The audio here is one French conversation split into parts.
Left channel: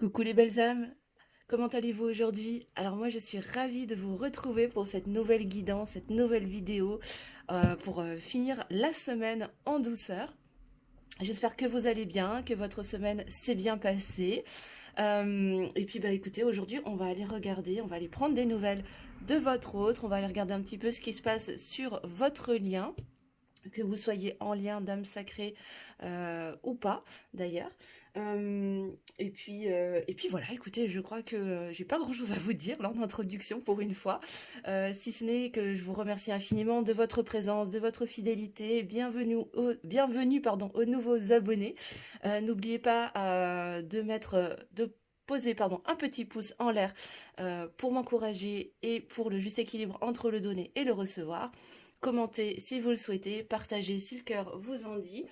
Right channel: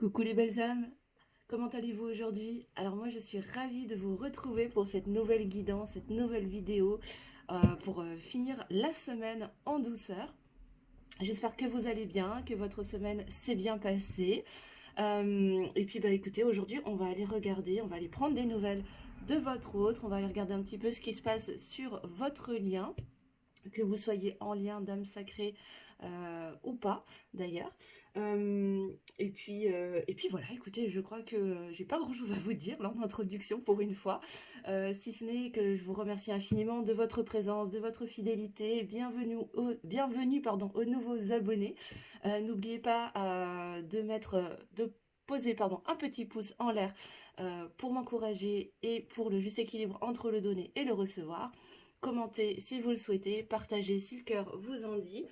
Coucou les belles âmes, comment allez-vous aujourd'hui? Alors moi je suis ravie de vous retrouver pour cette nouvelle guidance, cette nouvelle vidéo pour finir la semaine en douceur. J'espère que vous allez bien, que votre semaine s'est bien passée. Et puis bah écoutez, aujourd'hui on va aller regarder, on va aller prendre des nouvelles de votre autre, on va aller regarder un petit peu ce qui se passe sur votre lien, que vous soyez en lien d'âme sacrée ou pas d'ailleurs. Et puis voilà, écoutez, je crois que j'ai pas grand chose à vous dire lors d'introduction pour une fois, si ce n'est que je vous remercie infiniment de votre présence, de votre fidélité. Bienvenue pardon, aux nouveaux abonnés. N'oubliez pas de poser pardon, un petit pouce en l'air pour m'encourager et pour le juste équilibre entre le donner et le recevoir. Commentez si vous le souhaitez, partagez si le cœur vous en dit.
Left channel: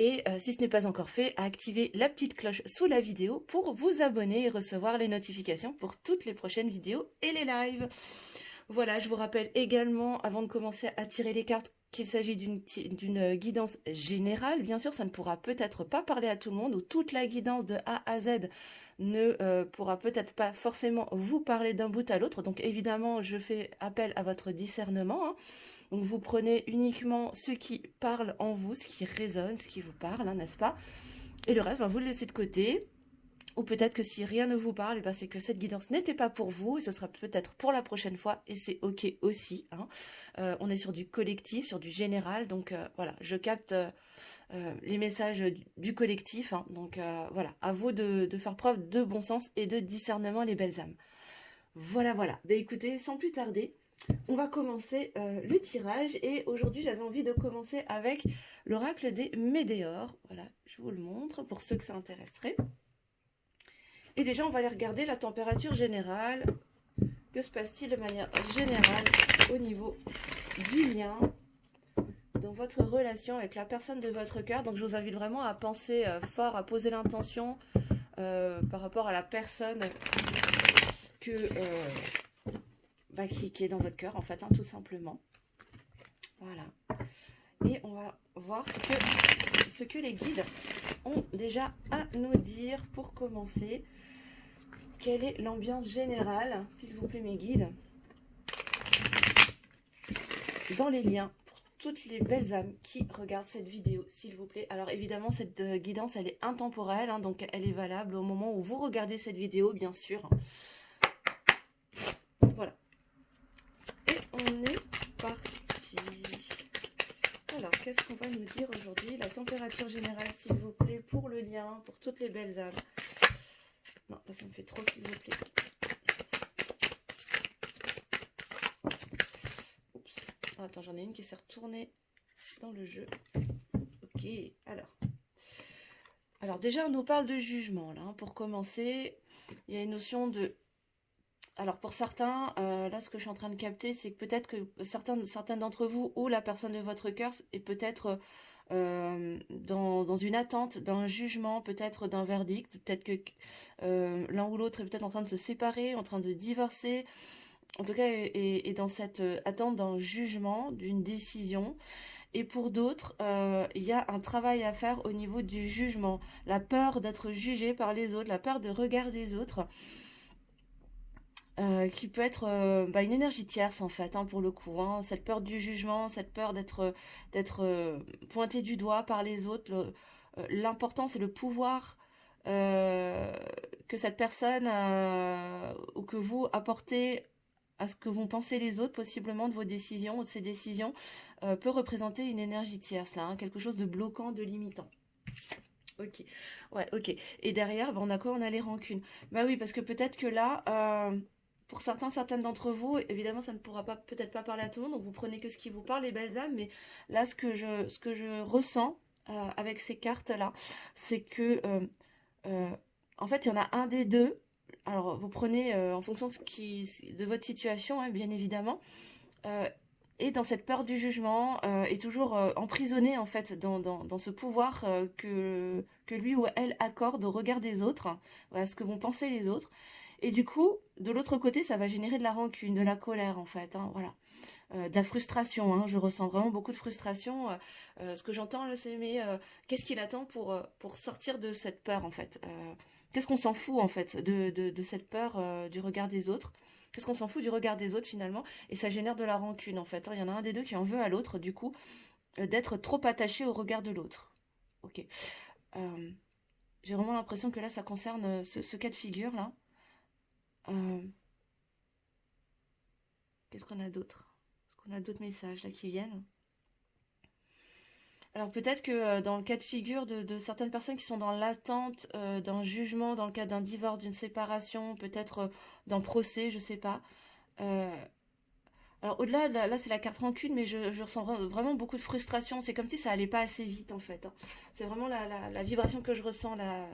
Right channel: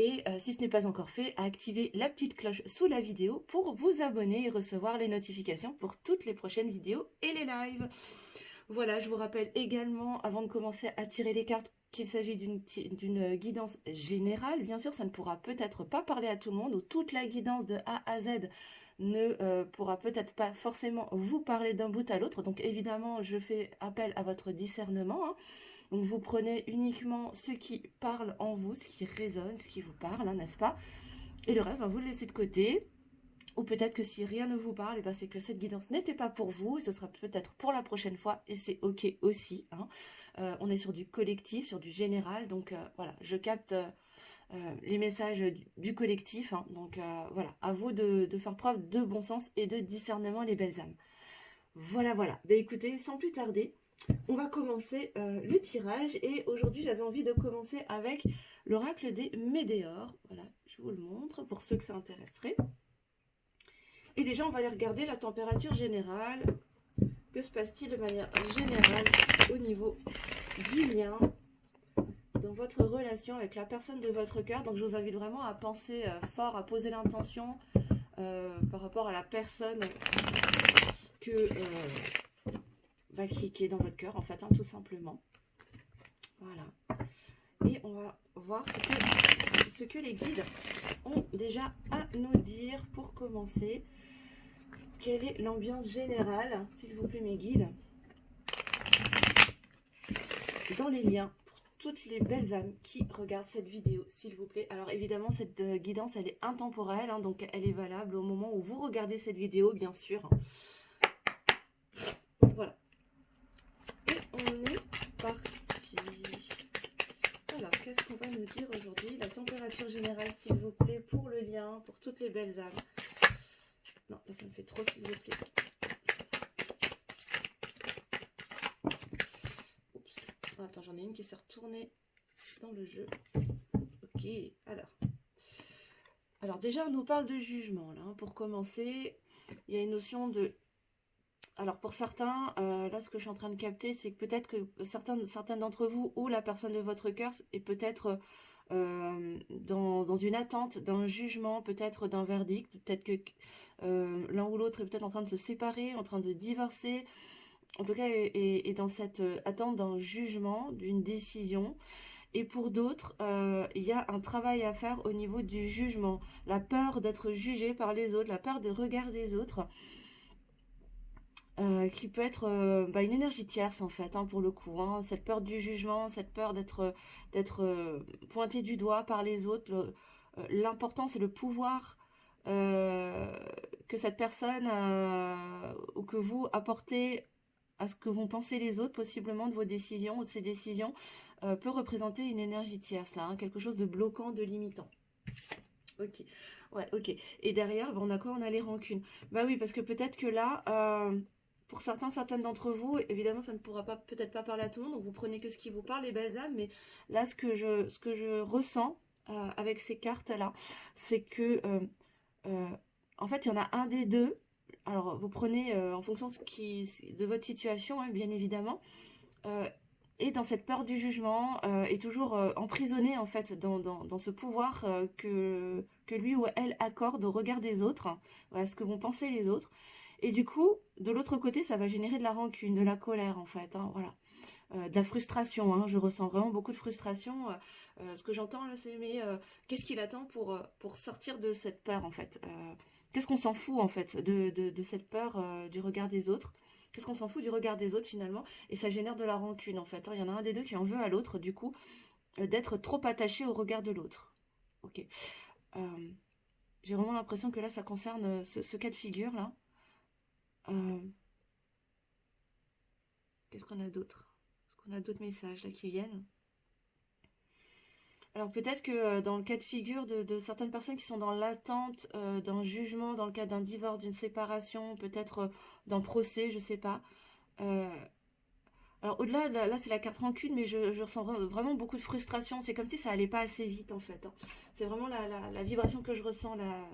Et si ce n'est pas encore fait, activez la petite cloche sous la vidéo pour vous abonner et recevoir les notifications pour toutes les prochaines vidéos et les lives. Voilà, je vous rappelle également, avant de commencer à tirer les cartes, qu'il s'agit d'une guidance générale. Bien sûr, ça ne pourra peut-être pas parler à tout le monde, ou toute la guidance de A à Z ne pourra peut-être pas forcément vous parler d'un bout à l'autre. Donc évidemment, je fais appel à votre discernement, hein. Donc vous prenez uniquement ce qui parle en vous, ce qui résonne, ce qui vous parle, hein, n'est-ce pas? Et le reste, ben, vous le laissez de côté. Ou peut-être que si rien ne vous parle, eh ben, c'est que cette guidance n'était pas pour vous. Ce sera peut-être pour la prochaine fois. Et c'est OK aussi, hein. On est sur du collectif, sur du général. Donc voilà, je capte les messages du collectif, hein. Donc voilà, à vous de faire preuve de bon sens et de discernement, les belles âmes. Voilà, voilà. Ben, écoutez, sans plus tarder, on va commencer le tirage. Et aujourd'hui, j'avais envie de commencer avec l'oracle des Médéors. Voilà, je vous le montre pour ceux que ça intéresserait. Et déjà, on va aller regarder la température générale. Que se passe-t-il de manière générale au niveau du lien dans votre relation avec la personne de votre cœur? Donc, je vous invite vraiment à penser fort, à poser l'intention par rapport à la personne qui est dans votre cœur, en fait, hein, tout simplement. Voilà. Et on va voir ce que les guides ont déjà à nous dire pour commencer. Quelle est l'ambiance générale, s'il vous plaît, mes guides, dans les liens pour toutes les belles âmes qui regardent cette vidéo, s'il vous plaît? Alors évidemment, cette guidance, elle est intemporelle, hein, donc elle est valable au moment où vous regardez cette vidéo, bien sûr. Voilà. Et on est parti. Alors, qu'est-ce qu'on va nous dire aujourd'hui? La température générale, s'il vous plaît, pour le lien, pour toutes les belles âmes. Non, ça me fait trop, s'il vous plaît. Oups. Attends, j'en ai une qui s'est retournée dans le jeu. Ok, alors déjà, on nous parle de jugement, là, hein. Pour commencer, il y a une notion de... Alors, pour certains, là, ce que je suis en train de capter, c'est que peut-être que certains d'entre vous, ou la personne de votre cœur, est peut-être dans une attente d'un jugement, peut-être d'un verdict, peut-être que l'un ou l'autre est peut-être en train de se séparer, en train de divorcer, en tout cas est dans cette attente d'un jugement, d'une décision. Et pour d'autres, il y a un travail à faire au niveau du jugement, la peur d'être jugé par les autres, la peur de regard des autres, qui peut être une énergie tierce en fait, hein, pour le coup, hein. Cette peur du jugement, cette peur d'être pointé du doigt par les autres. L'important, c'est le pouvoir que cette personne ou que vous apportez à ce que vont penser les autres, possiblement de vos décisions ou de ces décisions, peut représenter une énergie tierce, là, hein, quelque chose de bloquant, de limitant. Ok, ouais, ok. Et derrière, on a quoi? On a les rancunes. Bah oui, parce que peut-être que là, pour certaines d'entre vous, évidemment, ça ne pourra pas peut-être pas parler à tout le monde, donc vous prenez que ce qui vous parle, les belles âmes, mais là, ce que je ressens avec ces cartes-là, c'est que, euh, en fait, il y en a un des deux. Alors, vous prenez en fonction de votre situation, hein, bien évidemment, euh, et dans cette peur du jugement, est toujours emprisonné en fait dans ce pouvoir que lui ou elle accorde au regard des autres, hein, à ce que vont penser les autres. Et du coup, de l'autre côté, ça va générer de la rancune, de la colère en fait, hein, voilà. De la frustration, hein, je ressens vraiment beaucoup de frustration. Ce que j'entends là, c'est mais qu'est-ce qu'il attend pour sortir de cette peur en fait qu'est-ce qu'on s'en fout en fait de cette peur du regard des autres? Qu'est-ce qu'on s'en fout du regard des autres finalement? Et ça génère de la rancune en fait, hein. Il y en a un des deux qui en veut à l'autre, du coup, d'être trop attaché au regard de l'autre. Ok. Euh, j'ai vraiment l'impression que là, ça concerne ce cas de figure là. Euh, qu'est-ce qu'on a d'autre? Est-ce qu'on a d'autres messages là qui viennent? Alors peut-être que dans le cas de figure de certaines personnes qui sont dans l'attente d'un jugement, dans le cas d'un divorce, d'une séparation, peut-être d'un procès, je sais pas. Euh, alors au-delà, là, c'est la carte rancune, mais je ressens vraiment beaucoup de frustration. C'est comme si ça allait pas assez vite en fait, hein. C'est vraiment la vibration que je ressens là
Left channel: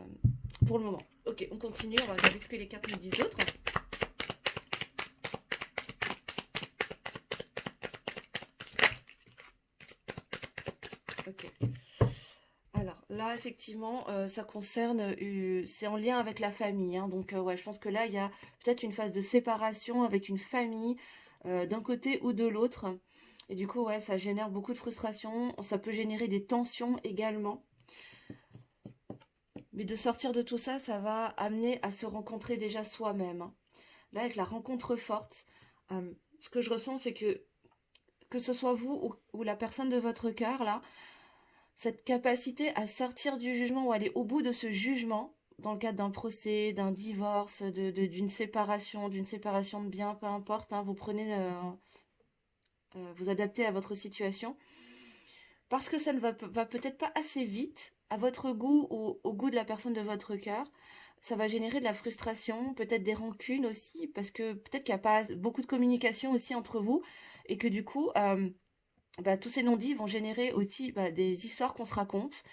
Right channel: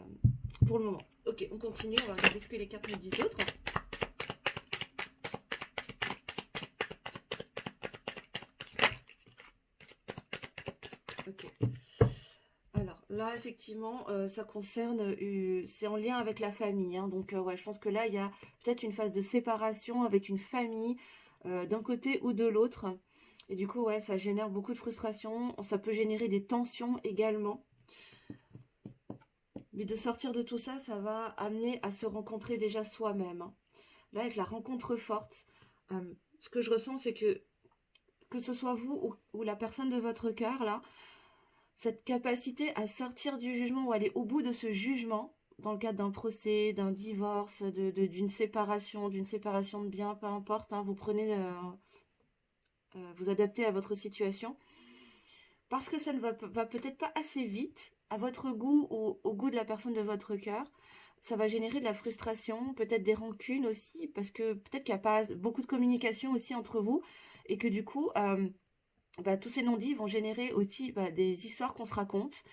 pour le moment. Ok, on continue, on va regarder ce que les cartes me disent d'autres. Ok. Alors là, effectivement, ça concerne, c'est en lien avec la famille, hein. Donc, ouais, je pense que là, il y a peut-être une phase de séparation avec une famille d'un côté ou de l'autre. Et du coup, ouais, ça génère beaucoup de frustration. Ça peut générer des tensions également. Mais de sortir de tout ça, ça va amener à se rencontrer déjà soi-même, hein. Là, avec la rencontre forte, euh, ce que je ressens, c'est que ce soit vous ou la personne de votre cœur, là, cette capacité à sortir du jugement ou aller au bout de ce jugement, dans le cadre d'un procès, d'un divorce, d'une séparation de biens, peu importe, hein, vous prenez, vous adaptez à votre situation, parce que ça ne va peut-être pas assez vite à votre goût ou au goût de la personne de votre cœur. Ça va générer de la frustration, peut-être des rancunes aussi, parce que peut-être qu'il n'y a pas beaucoup de communication aussi entre vous, et que du coup, bah, tous ces non-dits vont générer aussi des histoires qu'on se raconte.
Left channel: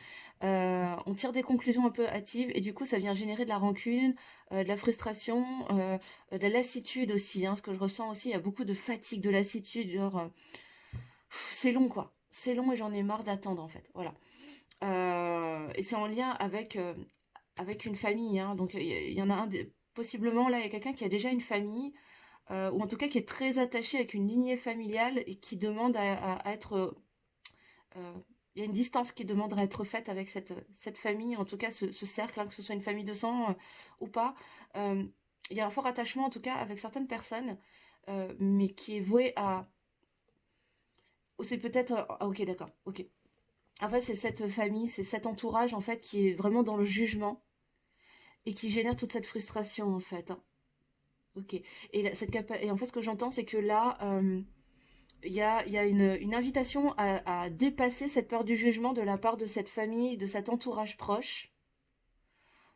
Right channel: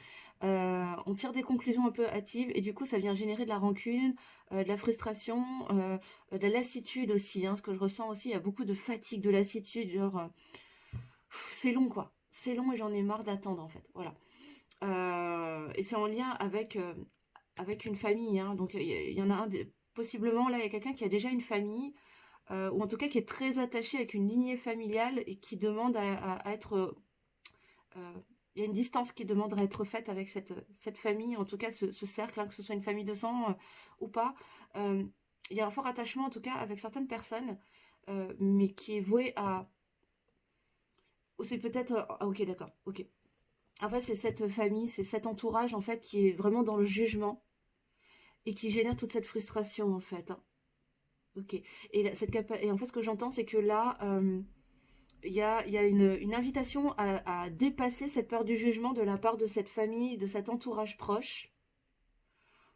On tire des conclusions un peu hâtives et du coup ça vient générer de la rancune, de la frustration, de la lassitude aussi, hein, ce que je ressens aussi, il y a beaucoup de fatigue, de lassitude, genre c'est long quoi, c'est long et j'en ai marre d'attendre en fait, voilà. Et c'est en lien avec une famille, hein, donc il y en a possiblement là il y a quelqu'un qui a déjà une famille, ou en tout cas qui est très attaché avec une lignée familiale et qui demande à être euh, il y a une distance qui demanderait à être faite avec cette famille, en tout cas ce cercle, hein, que ce soit une famille de sang ou pas. Euh, il y a un fort attachement, en tout cas, avec certaines personnes, mais qui est voué à... ou c'est peut-être... ah, ok, d'accord, ok. En fait, c'est cette famille, c'est cet entourage, en fait, qui est vraiment dans le jugement et qui génère toute cette frustration, en fait, hein. Ok. Et en fait, ce que j'entends, c'est que là... il y a une invitation à dépasser cette peur du jugement de la part de cette famille, de cet entourage proche,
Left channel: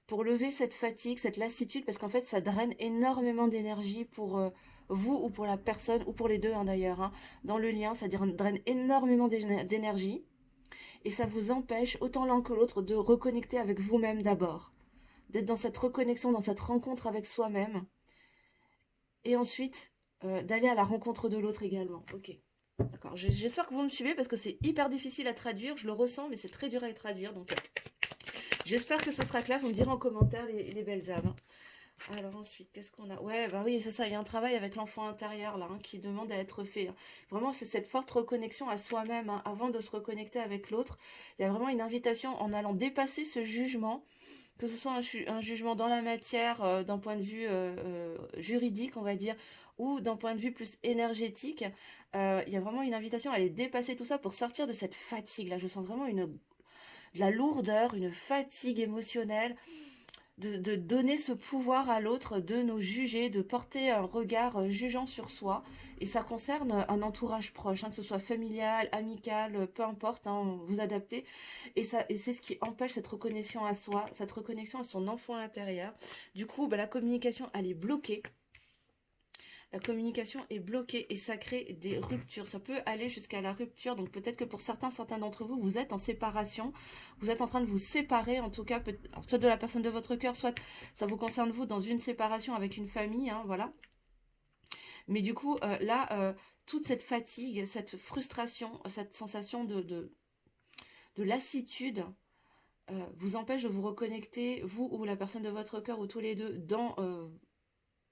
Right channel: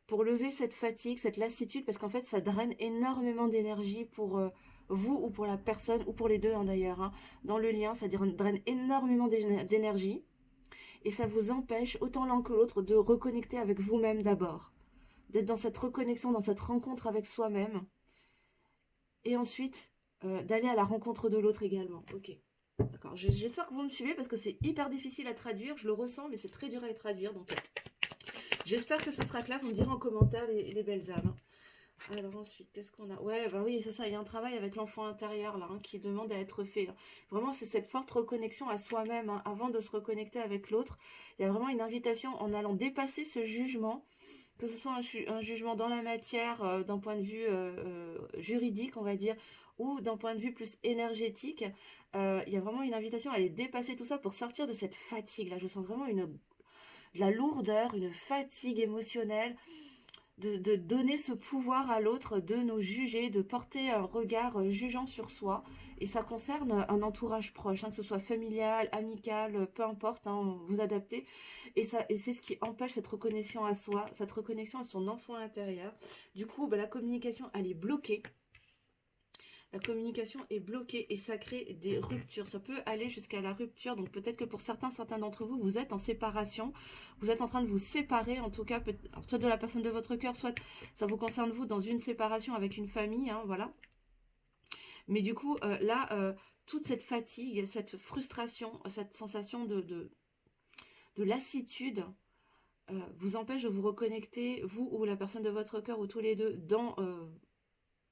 pour lever cette fatigue, cette lassitude, parce qu'en fait, ça draine énormément d'énergie pour vous ou pour la personne, ou pour les deux, hein, d'ailleurs, hein. Dans le lien, ça draine énormément d'énergie, et ça vous empêche, autant l'un que l'autre, de reconnecter avec vous-même d'abord, d'être dans cette reconnexion, dans cette rencontre avec soi-même, et ensuite d'aller à la rencontre de l'autre également. Ok. D'accord, j'espère que vous me suivez parce que c'est hyper difficile à traduire, je le ressens, mais c'est très dur à traduire, donc j'espère que ce sera clair, vous me direz en commentaire les belles âmes. Alors ensuite, qu'est-ce qu'on a? Ouais, bah oui, c'est ça, il y a un travail avec l'enfant intérieur là, hein, qui demande à être fait, hein. Vraiment, c'est cette forte reconnexion à soi-même, hein, avant de se reconnecter avec l'autre. Il y a vraiment une invitation en allant dépasser ce jugement, que ce soit un jugement dans la matière, d'un point de vue juridique, on va dire, ou d'un point de vue plus énergétique. Il y a vraiment une invitation à aller dépasser tout ça pour sortir de cette fatigue. Là, je sens vraiment de la lourdeur, une fatigue émotionnelle, de donner ce pouvoir à l'autre, de nous juger, de porter un regard jugeant sur soi. Et ça concerne un entourage proche, hein, que ce soit familial, amical, peu importe, hein, vous adaptez. Et c'est ce qui empêche cette reconnexion à soi, cette reconnexion à son enfant intérieur. Du coup, bah, la communication, elle est bloquée. La communication est bloquée et ça crée des ruptures. Ça peut aller jusqu'à la rupture. Donc peut-être que pour certains d'entre vous, vous êtes en séparation. Vous êtes en train de vous séparer, en tout cas, soit de la personne de votre cœur, soit ça vous concerne vous dans une séparation avec une famille, hein, voilà. Mais du coup, là, toute cette fatigue, cette frustration, cette sensation de lassitude vous empêche de vous reconnecter, vous ou la personne de votre cœur, ou tous les deux, dans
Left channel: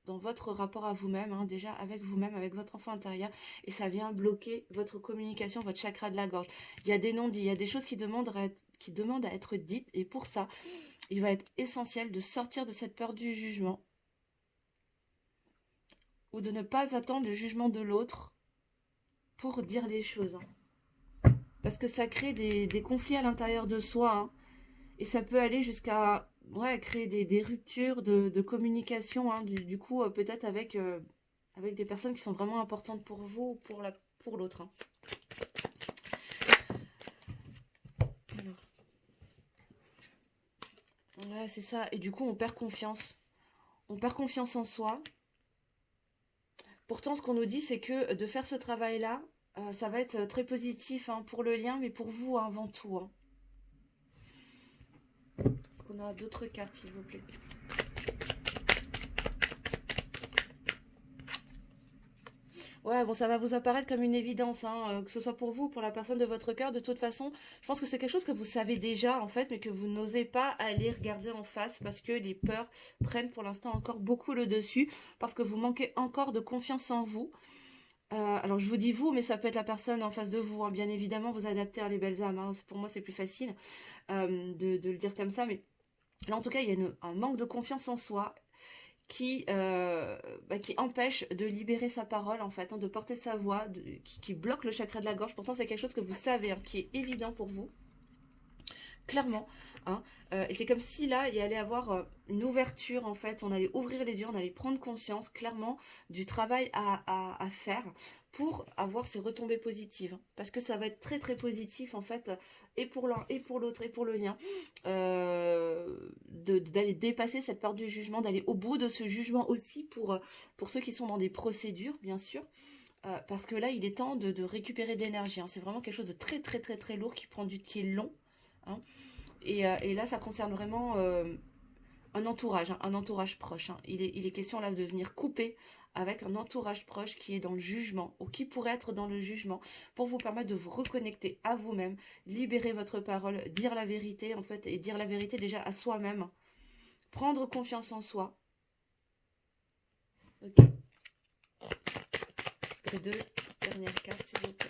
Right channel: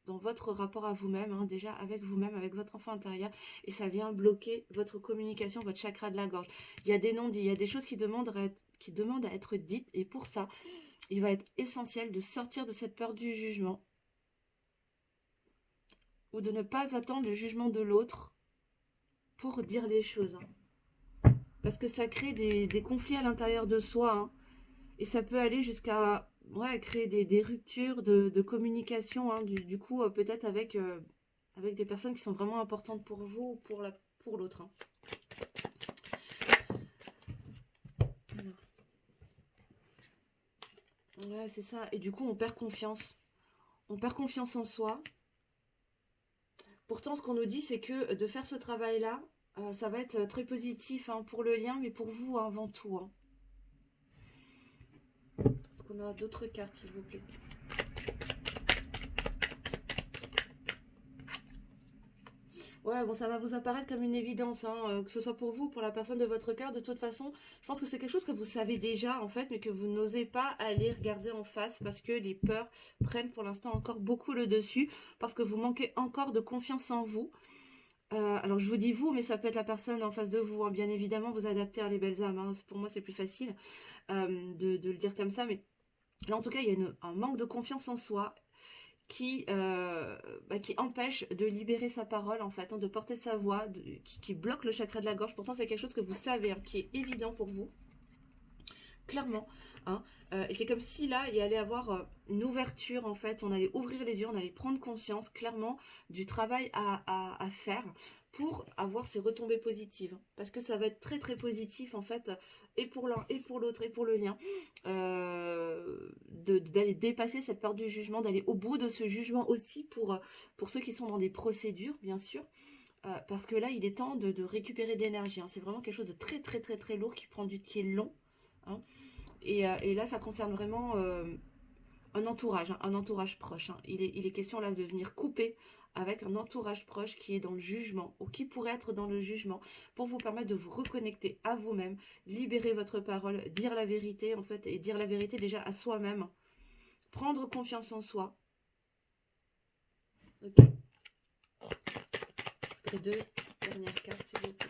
dans votre rapport à vous-même, hein, déjà avec vous-même, avec votre enfant intérieur, et ça vient bloquer votre communication, votre chakra de la gorge. Il y a des non-dits, il y a des choses qui demandent à être dites, et pour ça, il va être essentiel de sortir de cette peur du jugement, ou de ne pas attendre le jugement de l'autre pour dire les choses. Parce que ça crée des conflits à l'intérieur de soi, hein. Et ça peut aller jusqu'à créer des ruptures de communication, hein, du coup, peut-être avec des personnes qui sont vraiment importantes pour vous ou pour l'autre. Hein. Ouais, c'est ça. Et du coup, on perd confiance. On perd confiance en soi. Pourtant, ce qu'on nous dit, c'est que de faire ce travail-là, ça va être très positif, hein, pour le lien, mais pour vous, hein, avant tout. Hein. Est-ce qu'on a d'autres cartes, s'il vous plaît? Ouais, bon, ça va vous apparaître comme une évidence, hein, que ce soit pour vous ou pour la personne de votre cœur. De toute façon, je pense que c'est quelque chose que vous savez déjà, en fait, mais que vous n'osez pas aller regarder en face parce que les peurs prennent pour l'instant encore beaucoup le dessus, parce que vous manquez encore de confiance en vous. Alors, je vous dis vous, mais ça peut être la personne en face de vous, hein. Bien évidemment, vous adaptez à les belles âmes, hein. Pour moi, c'est plus facile de le dire comme ça, mais là, en tout cas, il y a un manque de confiance en soi qui empêche de libérer sa parole, en fait, hein, de porter sa voix, qui bloque le chakra de la gorge. Pourtant, c'est quelque chose que vous savez, hein, qui est évident pour vous, clairement. Hein. Et c'est comme si là, il y allait avoir une ouverture, en fait. On allait ouvrir les yeux, on allait prendre conscience, clairement, du travail à faire pour avoir ces retombées positives. Parce que ça va être très, très positif, en fait, et pour l'un, et pour l'autre, et pour le lien. D'aller dépasser cette peur du jugement, d'aller au bout de ce jugement aussi pour ceux qui sont dans des procédures, bien sûr. Parce que là, il est temps de récupérer de l'énergie. Hein. C'est vraiment quelque chose de très, très, très, très lourd qui est long. Hein. Et là, ça concerne vraiment un entourage proche. Hein. Il est question là de venir couper avec un entourage proche qui est dans le jugement ou qui pourrait être dans le jugement pour vous permettre de vous reconnecter à vous-même, libérer votre parole, dire la vérité en fait et dire la vérité déjà à soi-même, prendre confiance en soi. Ok. Les deux dernières cartes s'il vous plaît.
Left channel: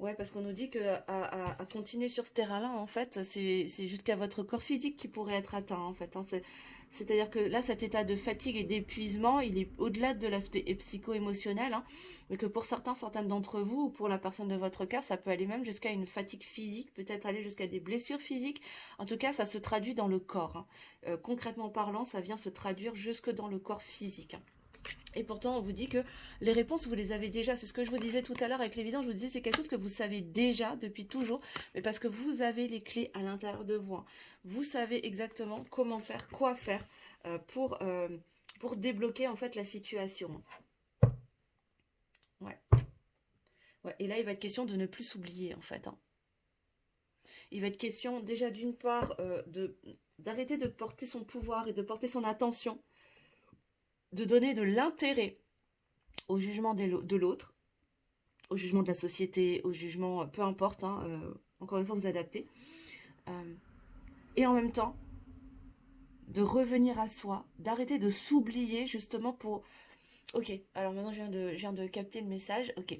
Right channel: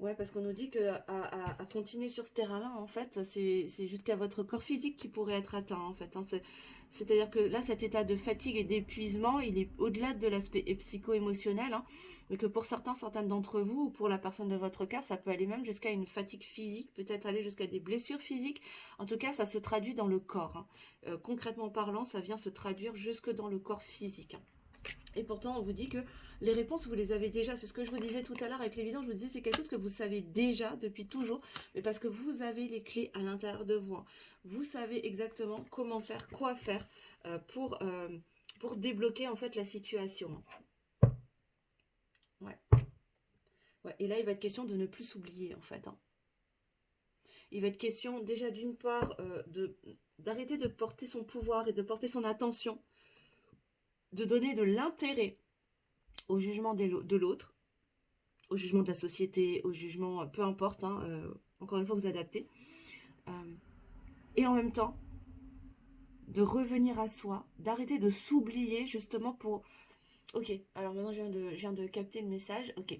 Ouais, parce qu'on nous dit que à continuer sur ce terrain-là, en fait, c'est jusqu'à votre corps physique qui pourrait être atteint, en fait. Hein. C'est-à-dire que là, cet état de fatigue et d'épuisement, il est au-delà de l'aspect psycho-émotionnel, hein, mais que pour certaines d'entre vous, ou pour la personne de votre cœur, ça peut aller même jusqu'à une fatigue physique, peut-être aller jusqu'à des blessures physiques. En tout cas, ça se traduit dans le corps. Hein. Concrètement parlant, ça vient se traduire jusque dans le corps physique. Hein. Et pourtant, on vous dit que les réponses, vous les avez déjà. C'est ce que je vous disais tout à l'heure avec l'évidence. Je vous disais, c'est quelque chose que vous savez déjà depuis toujours, mais parce que vous avez les clés à l'intérieur de vous. Hein. Vous savez exactement comment faire, quoi faire pour débloquer en fait la situation. Ouais. Ouais. Et là, il va être question de ne plus s'oublier en fait. Hein. Il va être question déjà d'une part d'arrêter de porter son pouvoir et de porter son attention, de donner de l'intérêt au jugement de l'autre, au jugement de la société, au jugement, peu importe, hein, encore une fois, vous adaptez. Et en même temps, de revenir à soi, d'arrêter de s'oublier justement pour... Ok, alors maintenant je viens de capter le message. Ok,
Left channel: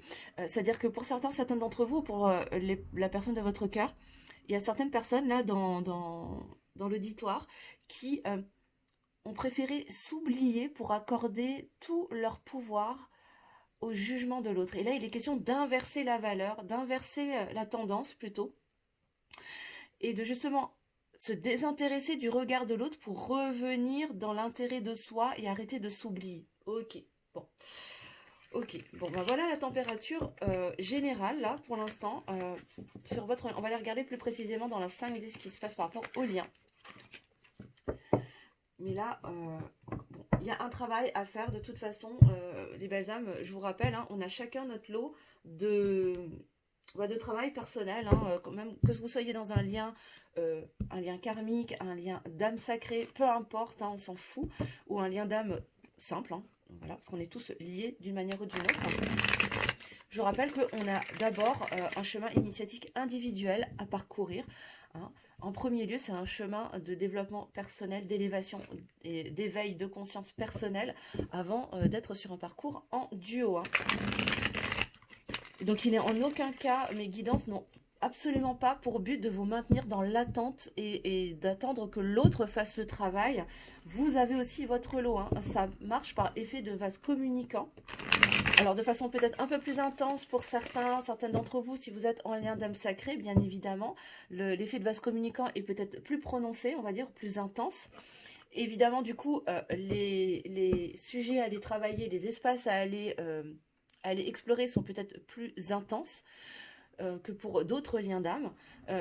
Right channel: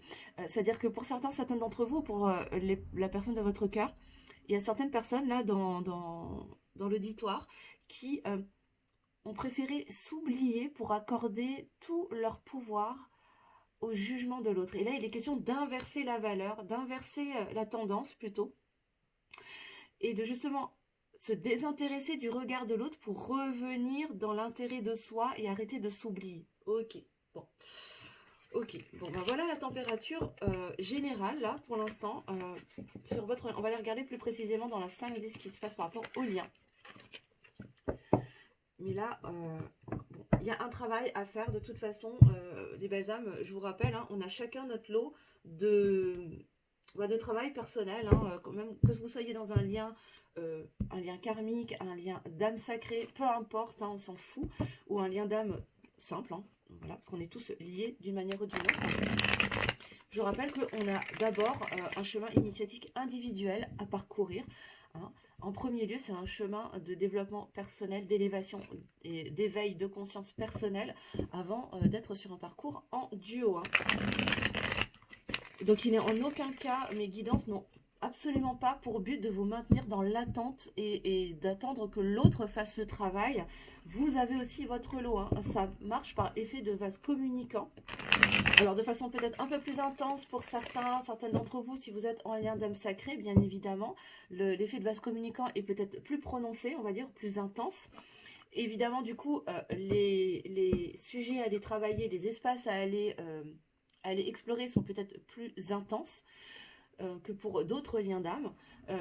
c'est-à-dire que pour certains d'entre vous, pour la personne de votre cœur, il y a certaines personnes là dans l'auditoire qui ont préféré s'oublier pour accorder tout leur pouvoir au jugement de l'autre. Et là, il est question d'inverser la valeur, d'inverser la tendance plutôt, et de justement se désintéresser du regard de l'autre pour revenir dans l'intérêt de soi et arrêter de s'oublier. Ok, bon. Ok, bon ben voilà la température générale là pour l'instant sur votre... On va aller regarder plus précisément dans la 5D ce qui se passe par rapport au lien. Mais là, il y a un travail à faire de toute façon, les belles âmes, je vous rappelle, hein, on a chacun notre lot de travail personnel, hein, quand même, que vous soyez dans un lien karmique, un lien d'âme sacrée, peu importe, hein, on s'en fout, ou un lien d'âme simple, hein, voilà, parce qu'on est tous liés d'une manière ou d'une autre. Je rappelle qu'on a d'abord un chemin initiatique individuel à parcourir, hein. En premier lieu, c'est un chemin de développement personnel, d'élévation et d'éveil de conscience personnelle avant d'être sur un parcours en duo, hein. Donc il n'est en aucun cas, mes guidances n'ont absolument pas pour but de vous maintenir dans l'attente et d'attendre que l'autre fasse le travail. Vous avez aussi votre lot, hein. Ça marche par effet de vase communicant. Alors de façon peut-être un peu plus intense pour certaines d'entre vous, si vous êtes en lien d'âme sacrée, bien évidemment. L'effet de vase communicant est peut-être plus prononcé, on va dire, plus intense. Évidemment, du coup, les sujets à aller travailler, les espaces à aller explorer sont peut-être plus intenses que pour d'autres liens d'âme,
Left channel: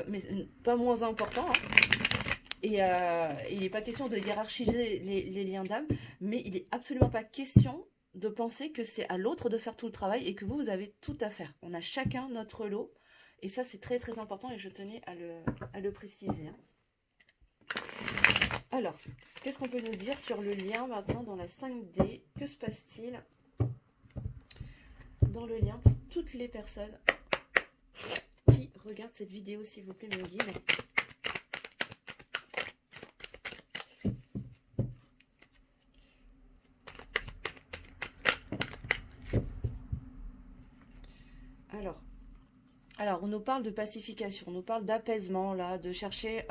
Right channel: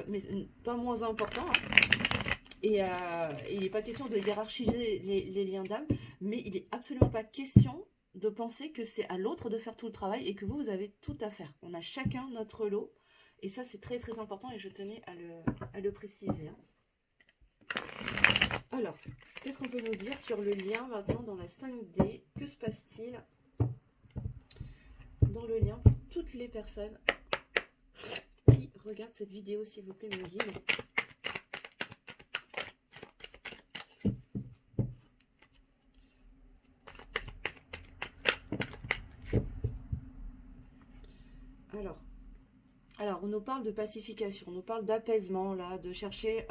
mais pas moins importants, hein. Et il n'est pas question de hiérarchiser les liens d'âme, mais il n'est absolument pas question de penser que c'est à l'autre de faire tout le travail et que vous avez tout à faire. On a chacun notre lot, et ça c'est très très important et je tenais à le préciser, hein. Alors, qu'est-ce qu'on peut nous dire sur le lien maintenant dans la 5D? Que se passe-t-il dans le lien pour toutes les personnes qui regardent cette vidéo, s'il vous plaît, mon guide? Alors, on nous parle de pacification, on nous parle d'apaisement, là, de chercher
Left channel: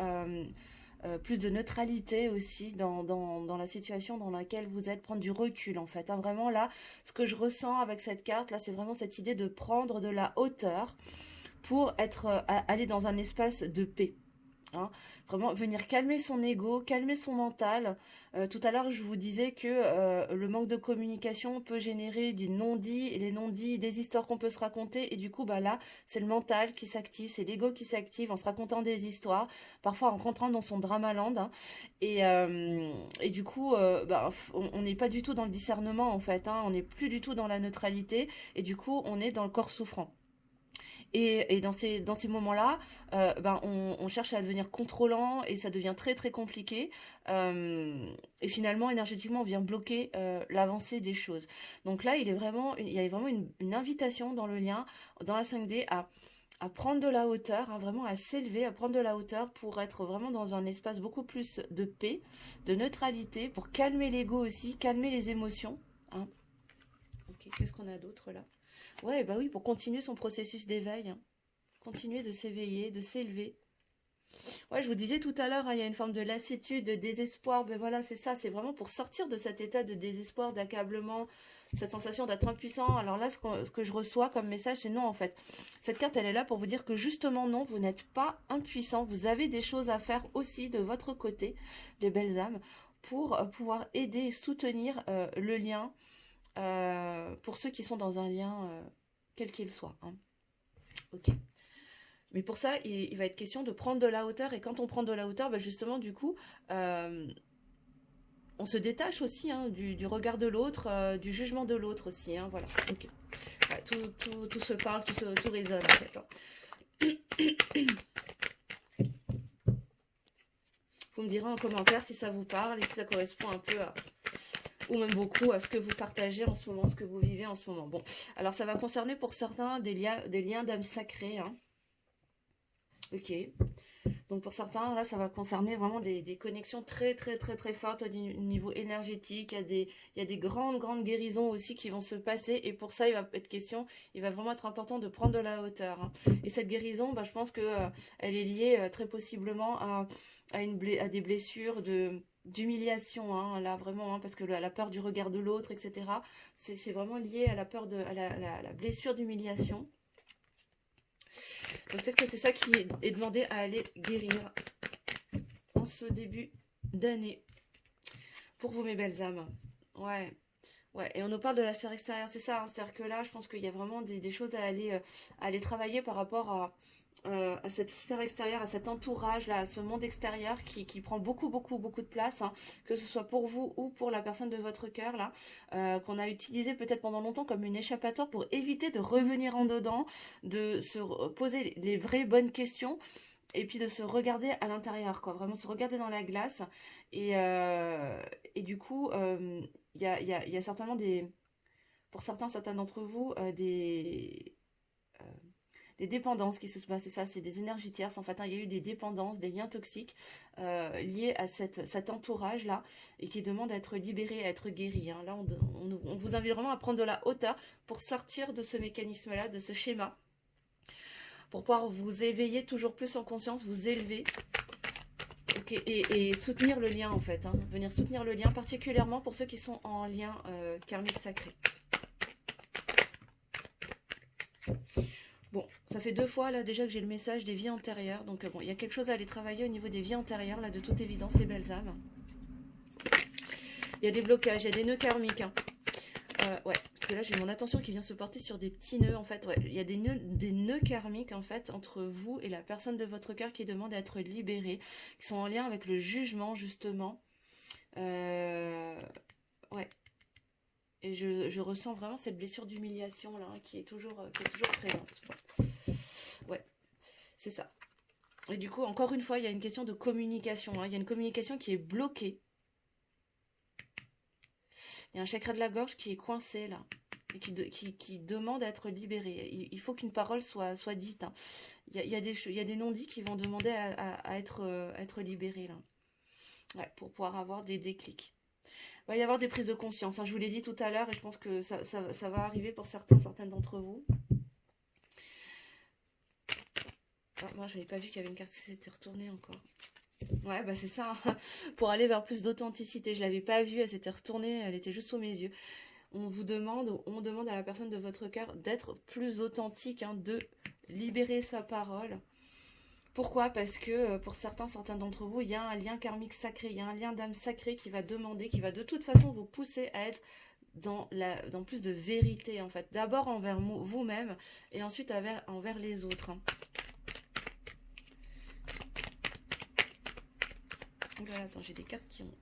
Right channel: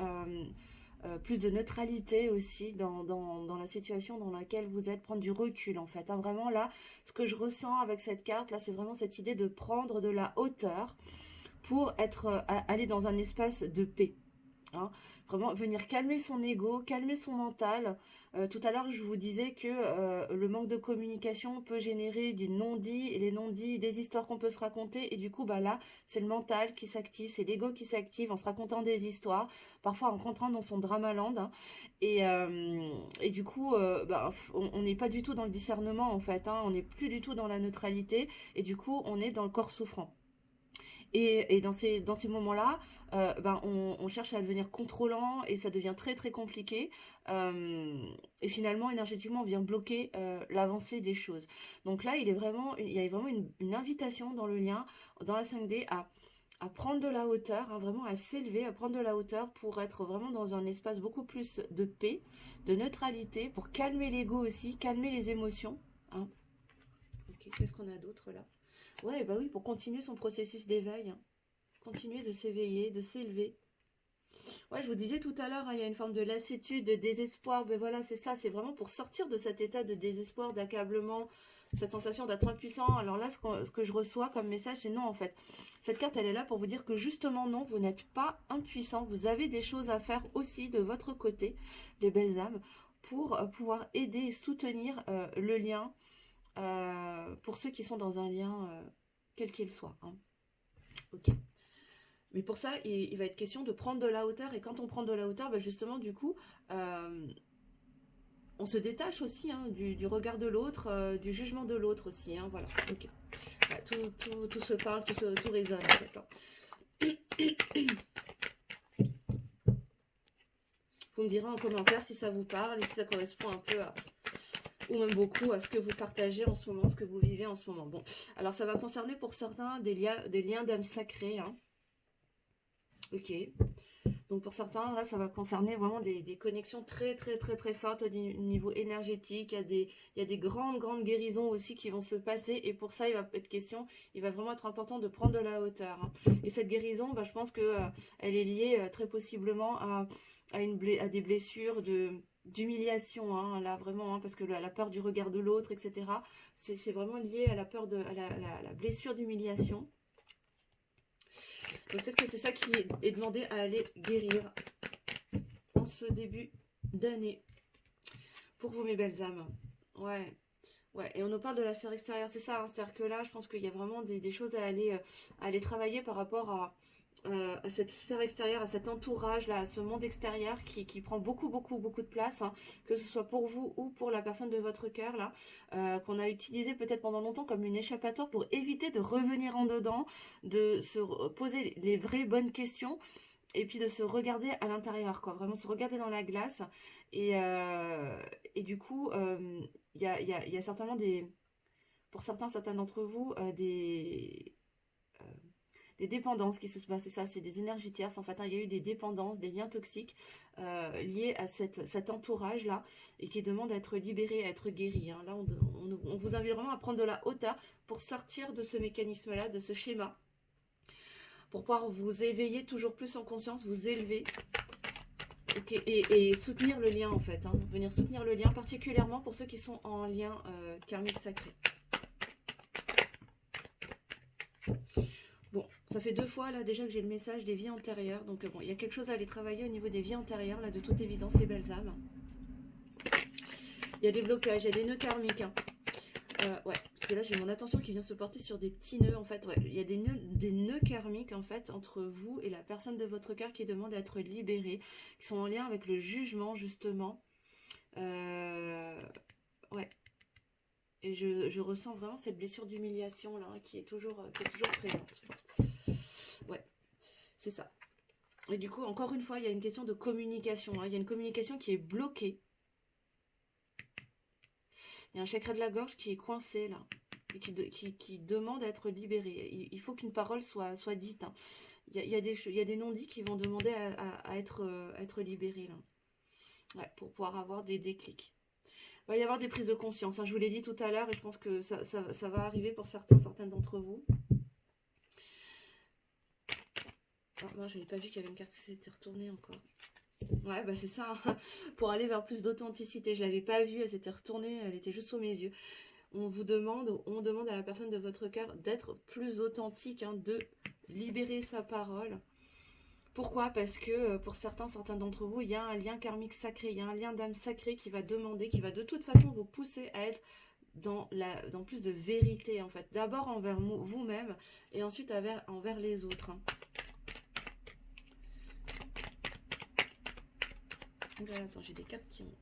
plus de neutralité aussi dans la situation dans laquelle vous êtes, prendre du recul en fait, hein. Vraiment là, ce que je ressens avec cette carte, là, c'est vraiment cette idée de prendre de la hauteur pour aller dans un espace de paix, hein. Vraiment venir calmer son ego, calmer son mental. Tout à l'heure, je vous disais que le manque de communication peut générer des non-dits, et les non-dits, des histoires qu'on peut se raconter. Et du coup, bah là, c'est le mental qui s'active, c'est l'ego qui s'active en se racontant des histoires, parfois en rentrant dans son dramaland, hein. Et du coup, on n'est pas du tout dans le discernement, en fait, hein. On n'est plus du tout dans la neutralité. Et du coup, on est dans le corps souffrant. Et dans ces moments-là, on cherche à devenir contrôlant et ça devient très très compliqué. Et finalement, énergétiquement, on vient bloquer l'avancée des choses. Donc là, il y a vraiment une invitation dans le lien, dans la 5D, à prendre de la hauteur, hein, vraiment à s'élever, à prendre de la hauteur pour être vraiment dans un espace beaucoup plus de paix, de neutralité, pour calmer l'ego aussi, calmer les émotions, hein. Ok, qu'est-ce qu'on a d'autre là? Ouais, bah oui, pour continuer son processus d'éveil, hein. Continuer de s'éveiller, de s'élever. Ouais, je vous disais tout à l'heure, hein, il y a une forme de lassitude, de désespoir. Mais voilà, c'est ça, c'est vraiment pour sortir de cet état de désespoir, d'accablement, cette sensation d'être impuissant. Alors là, ce que je reçois comme message, c'est non en fait. Cette carte, elle est là pour vous dire que justement non, vous n'êtes pas impuissant. Vous avez des choses à faire aussi de votre côté, les belles âmes, pour pouvoir aider et soutenir le lien pour ceux qui sont dans un lien quel qu'il soit, hein. Ok. Mais pour ça, il va être question de prendre de la hauteur. Et quand on prend de la hauteur, bah justement, du coup, on se détache aussi, hein, du regard de l'autre, du jugement de l'autre aussi, hein, voilà. Okay. Ouais, tout se parle, tout résonne en fait, hein. Vous me direz en commentaire si ça vous parle et si ça correspond un peu ou même beaucoup à ce que vous partagez en ce moment, ce que vous vivez en ce moment. Bon, alors ça va concerner pour certains des liens d'âme sacrée, hein. Ok. Donc pour certains, là, ça va concerner vraiment des connexions très très très très fortes au niveau énergétique. Il y a des grandes guérisons aussi qui vont se passer. Et pour ça, il va être question, il va vraiment être important de prendre de la hauteur, hein. Et cette guérison, bah, je pense que elle est liée très possiblement à des blessures d'humiliation, hein, là vraiment, hein, parce que la peur du regard de l'autre, etc. C'est vraiment lié à la peur à la blessure d'humiliation. Donc peut-être que c'est ça qui est demandé à aller guérir en ce début d'année. Pour vous, mes belles âmes. Ouais. Ouais, et on nous parle de la sphère extérieure, c'est ça, hein. C'est-à-dire que là, je pense qu'il y a vraiment des choses à aller travailler par rapport à cette sphère extérieure, à cet entourage, là, à ce monde extérieur qui prend beaucoup de place, hein, que ce soit pour vous ou pour la personne de votre cœur, là, qu'on a utilisé peut-être pendant longtemps comme une échappatoire pour éviter de revenir en dedans, de se poser les vraies bonnes questions et puis de se regarder à l'intérieur, quoi. Vraiment de se regarder dans la glace. Et, du coup, il y a certainement pour certains d'entre vous, euh, des dépendances qui se sont passées. Ça, c'est des énergies tierces. En fait, hein, il y a eu des dépendances, des liens toxiques liés à cet entourage-là et qui demandent à être libérés, à être guéris, hein. Là, on vous invite vraiment à prendre de la hauteur pour sortir de ce mécanisme-là, de ce schéma, pour pouvoir vous éveiller toujours plus en conscience, vous élever. Okay, et soutenir le lien en fait, hein. Venir soutenir le lien, particulièrement pour ceux qui sont en lien karmique sacré. Bon, ça fait 2 fois là déjà que j'ai le message des vies antérieures, donc bon, il y a quelque chose à aller travailler au niveau des vies antérieures, là de toute évidence, les belles âmes. Il y a des blocages, il y a des nœuds karmiques, hein. Ouais, parce que là j'ai mon attention qui vient se porter sur des petits nœuds en fait. Ouais, il y a des nœuds karmiques en fait entre vous et la personne de votre cœur qui demande à être libérée, qui sont en lien avec le jugement justement. Ouais. Et je ressens vraiment cette blessure d'humiliation là, qui est toujours présente. Ouais, c'est ça. Et du coup, encore une fois, il y a une question de communication, hein. Il y a une communication qui est bloquée. Il y a un chakra de la gorge qui est coincé là, et qui demande à être libéré. Il faut qu'une parole soit dite, hein. Il y a des non-dits qui vont demander à être libérés là. Ouais, pour pouvoir avoir des déclics. Il va y avoir des prises de conscience, hein. Je vous l'ai dit tout à l'heure et je pense que ça va arriver pour certaines d'entre vous. Oh, moi, j'avais pas vu qu'il y avait une carte qui s'était retournée encore. Ouais, bah c'est ça, hein. Pour aller vers plus d'authenticité. Je l'avais pas vue, elle s'était retournée, elle était juste sous mes yeux. On demande à la personne de votre cœur d'être plus authentique, hein, de libérer sa parole. Pourquoi? Parce que pour certains d'entre vous, il y a un lien karmique sacré, il y a un lien d'âme sacré qui va demander, qui va de toute façon vous pousser à être dans plus de vérité en fait. D'abord envers vous-même et ensuite envers les autres, hein. Voilà, attends, j'ai des cartes qui ont...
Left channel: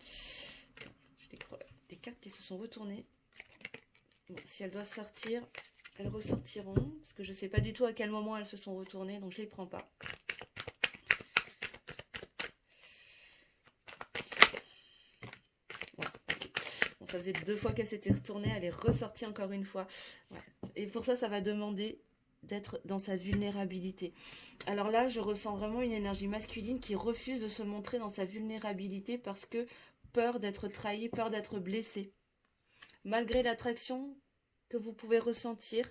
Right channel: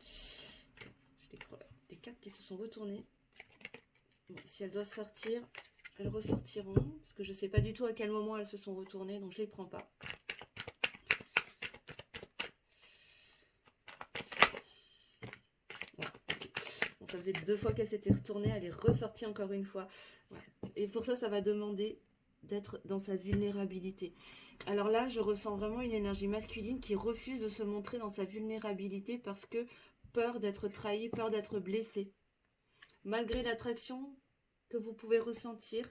J'ai des cartes qui se sont retournées. Bon, si elles doivent sortir, elles ressortiront. Parce que je ne sais pas du tout à quel moment elles se sont retournées, donc je ne les prends pas. Ouais. Bon, ça faisait 2 fois qu'elle s'était retournée, elle est ressortie encore une fois. Ouais. Et pour ça, ça va demander d'être dans sa vulnérabilité. Alors là, je ressens vraiment une énergie masculine qui refuse de se montrer dans sa vulnérabilité parce que peur d'être trahi, peur d'être blessé. Malgré l'attraction que vous pouvez ressentir,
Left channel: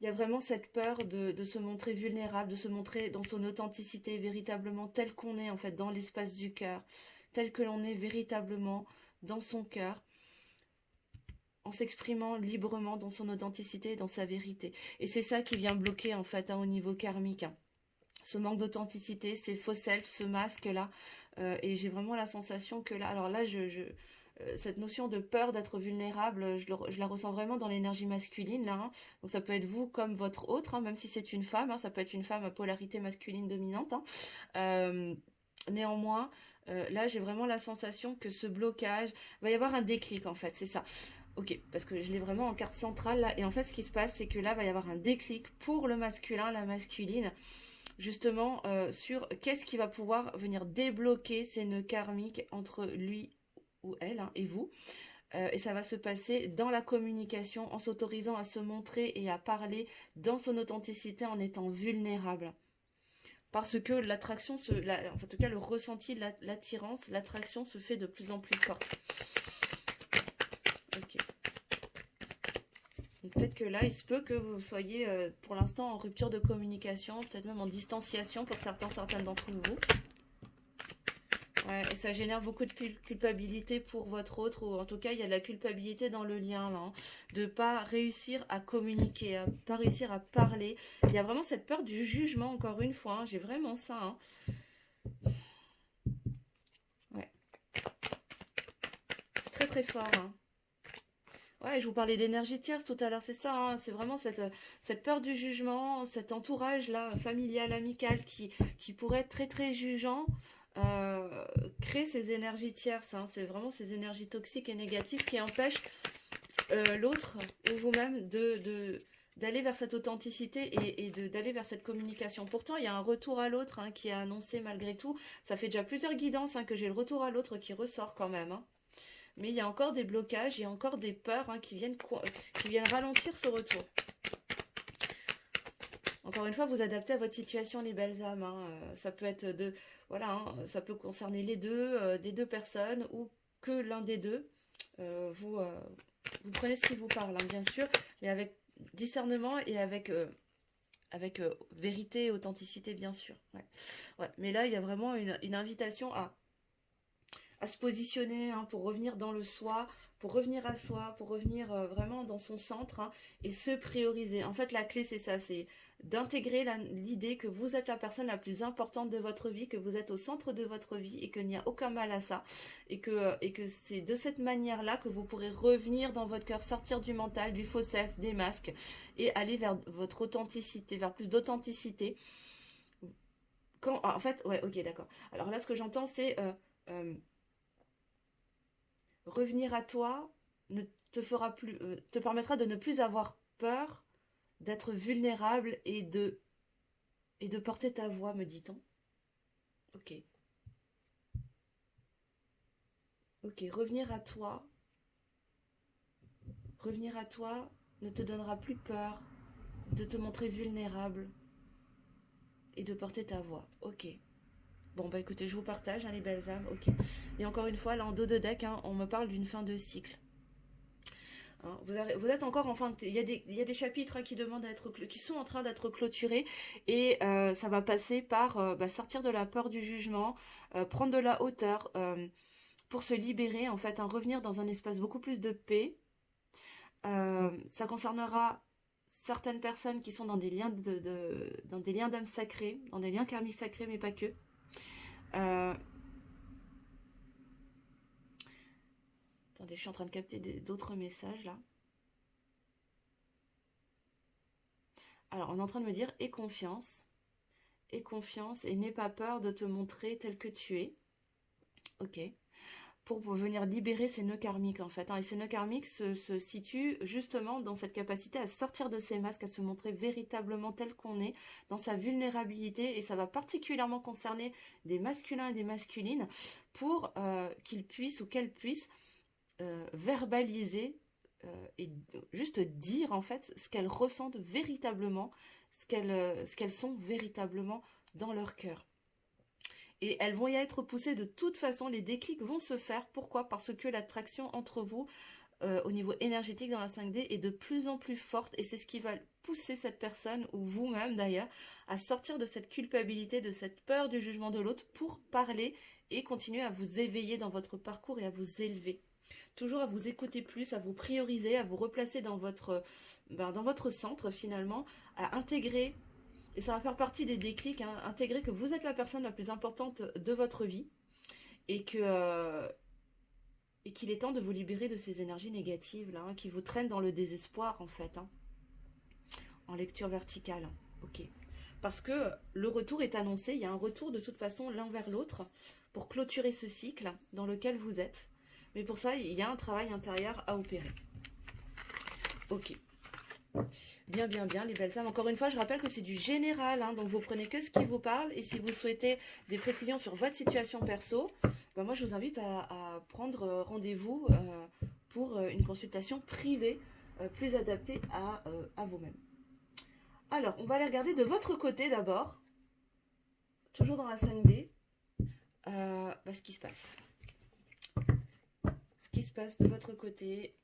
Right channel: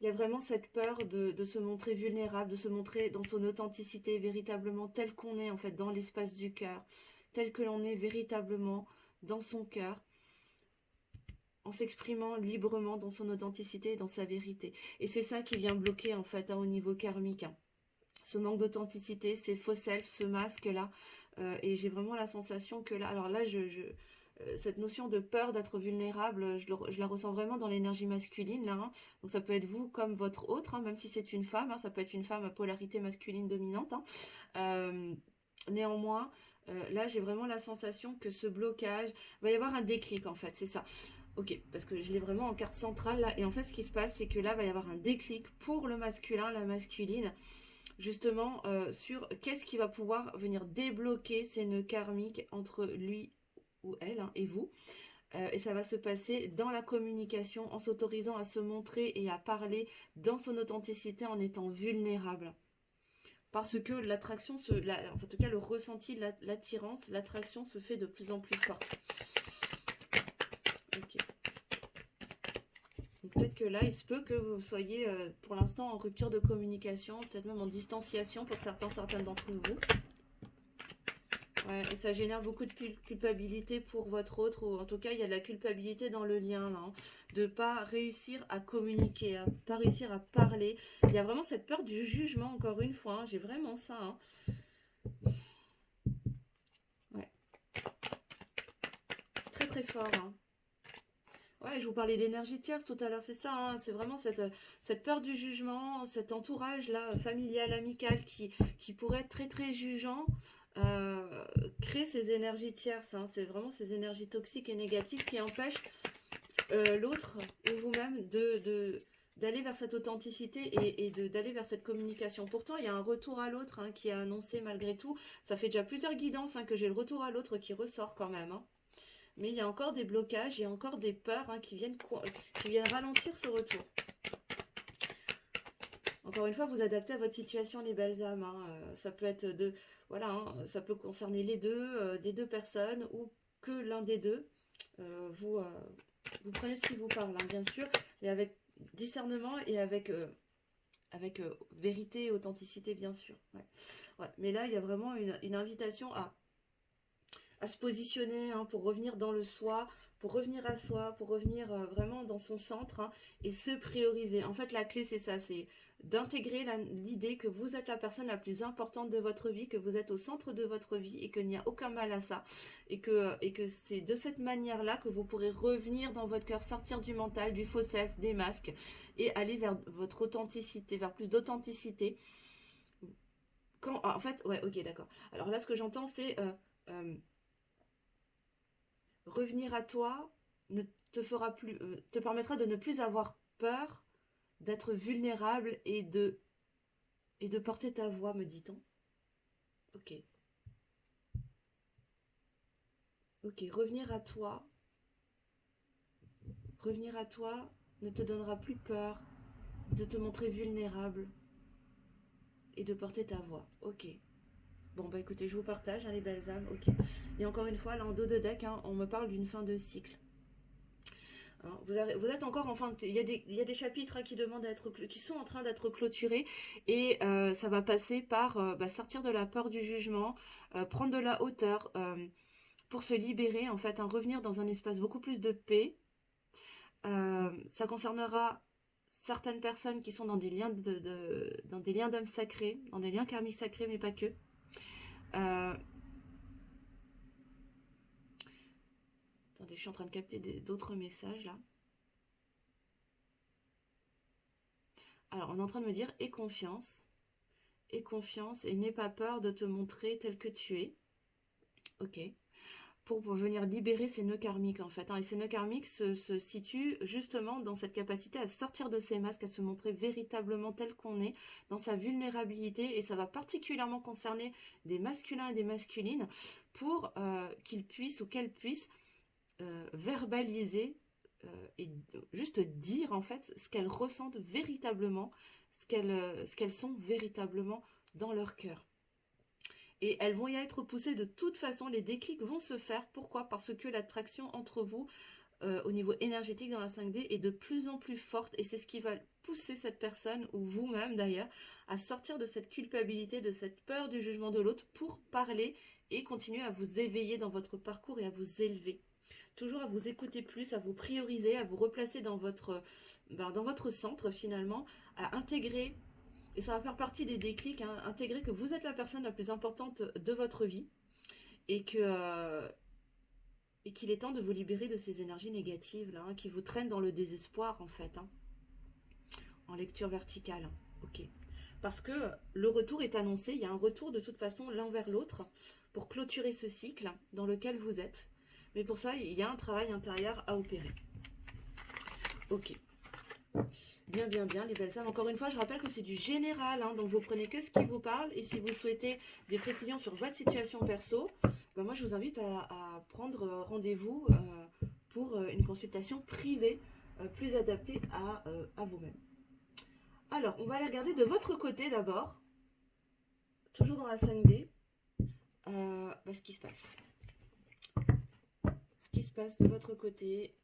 il y a vraiment cette peur de se montrer vulnérable, de se montrer dans son authenticité, véritablement tel qu'on est en fait dans l'espace du cœur, tel que l'on est véritablement dans son cœur, en s'exprimant librement dans son authenticité, dans sa vérité. Et c'est ça qui vient bloquer en fait, hein, au niveau karmique, hein. Ce manque d'authenticité, ces faux self, ce masque-là. Et j'ai vraiment la sensation que là, alors là, cette notion de peur d'être vulnérable, je la ressens vraiment dans l'énergie masculine, là, hein. Donc ça peut être vous comme votre autre, hein, même si c'est une femme, hein, ça peut être une femme à polarité masculine dominante, hein. Néanmoins, là, j'ai vraiment la sensation que ce blocage, va y avoir un déclic, en fait, c'est ça. Ok, parce que je l'ai vraiment en carte centrale, là, et en fait, ce qui se passe, c'est que là, va y avoir un déclic pour le masculin, la masculine, justement, sur qu'est-ce qui va pouvoir venir débloquer ces nœuds karmiques entre lui ou elle, hein, et vous. Et ça va se passer dans la communication, en s'autorisant à se montrer et à parler dans son authenticité, en étant vulnérable. Parce que l'attraction, en tout cas le ressenti, l'attirance, l'attraction se fait de plus en plus forte. Ok. Peut-être que là, il se peut que vous soyez pour l'instant en rupture de communication, peut-être même en distanciation pour certaines d'entre vous. Ouais, et ça génère beaucoup de culpabilité pour votre autre, ou en tout cas, il y a de la culpabilité dans le lien, là, hein, de ne pas réussir à communiquer, à pas réussir à parler. Il y a vraiment cette peur du jugement, encore une fois, hein, j'ai vraiment ça, hein. Ouais. C'est très très fort, hein. Ouais, je vous parlais d'énergie tierce tout à l'heure, c'est ça, hein, c'est vraiment cette peur du jugement, cet entourage-là, familial, amical, qui pourrait être très très jugeant, euh, crée ces énergies tierces, hein, c'est vraiment ces énergies toxiques et négatives qui empêchent l'autre ou vous-même d'aller vers cette authenticité et d'aller vers cette communication. Pourtant, il y a un retour à l'autre hein, qui est annoncé malgré tout. Ça fait déjà plusieurs guidances hein, que j'ai le retour à l'autre qui ressort quand même. Hein. Mais il y a encore des blocages, il y a encore des peurs hein, qui viennent ralentir ce retour. Encore une fois, vous adaptez à votre situation, les belles âmes. Hein. Ça peut être voilà, hein, ça peut concerner les deux, des deux personnes ou que l'un des deux. Vous prenez ce qui vous parle, hein, bien sûr, mais avec discernement et avec vérité et authenticité, bien sûr. Ouais. Ouais. Mais là, il y a vraiment une invitation à se positionner hein, pour revenir dans le soi, pour revenir à soi, pour revenir vraiment dans son centre hein, et se prioriser. En fait, la clé, c'est ça, c'est d'intégrer l'idée que vous êtes la personne la plus importante de votre vie, que vous êtes au centre de votre vie et qu'il n'y a aucun mal à ça. Et que c'est de cette manière-là que vous pourrez revenir dans votre cœur, sortir du mental, du faux self, des masques et aller vers votre authenticité, vers plus d'authenticité. En fait, ouais, ok, d'accord. Alors là, ce que j'entends, c'est revenir à toi ne te fera plus, te permettra de ne plus avoir peur d'être vulnérable et de porter ta voix, me dit-on. Ok. Ok, revenir à toi ne te donnera plus peur de te montrer vulnérable et de porter ta voix. Ok. Bon, bah écoutez, je vous partage, hein, les belles âmes. Ok. Et encore une fois, là, en dos de deck, hein, on me parle d'une fin de cycle. Hein, vous êtes encore en fin de... Il y a des chapitres hein, qui sont en train d'être clôturés et ça va passer par sortir de la peur du jugement, prendre de la hauteur pour se libérer, en fait, hein, revenir dans un espace beaucoup plus de paix. Ça concernera certaines personnes qui sont dans des liens dans des liens d'âme sacrés, dans des liens karmiques sacrés, mais pas que. Attendez, je suis en train de capter d'autres messages là. Alors, on est en train de me dire aie confiance et n'aie pas peur de te montrer tel que tu es. Ok. Pour venir libérer ces nœuds karmiques en fait. Hein. Et ces nœuds karmiques se situent justement dans cette capacité à sortir de ces masques, à se montrer véritablement tel qu'on est, dans sa vulnérabilité. Et ça va particulièrement concerner des masculins et des masculines pour qu'ils puissent ou qu'elles puissent verbaliser et juste dire en fait ce qu'elles ressentent véritablement, ce qu'elles sont véritablement dans leur cœur. Et elles vont y être poussées de toute façon, les déclics vont se faire. Pourquoi? Parce que l'attraction entre vous, au niveau énergétique dans la 5D, est de plus en plus forte. Et c'est ce qui va pousser cette personne, ou vous-même d'ailleurs, à sortir de cette culpabilité, de cette peur du jugement de l'autre pour parler et continuer à vous éveiller dans votre parcours et à vous élever. Toujours à vous écouter plus, à vous prioriser, à vous replacer dans votre centre finalement, à intégrer, et ça va faire partie des déclics, hein, intégrer que vous êtes la personne la plus importante de votre vie et qu'il est temps de vous libérer de ces énergies négatives là, hein, qui vous traînent dans le désespoir en fait, hein, en lecture verticale. Ok. Parce que le retour est annoncé, il y a un retour de toute façon l'un vers l'autre pour clôturer ce cycle dans lequel vous êtes. Mais pour ça, il y a un travail intérieur à opérer. Ok. Bien, bien, bien, les belles femmes. Encore une fois, je rappelle que c'est du général, hein, donc vous prenez que ce qui vous parle. Et si vous souhaitez des précisions sur votre situation perso, ben moi, je vous invite à prendre rendez-vous pour une consultation privée plus adaptée à vous-même. Alors, on va aller regarder de votre côté d'abord, toujours dans la 5D, ce qui se passe. Ce qui se passe de votre côté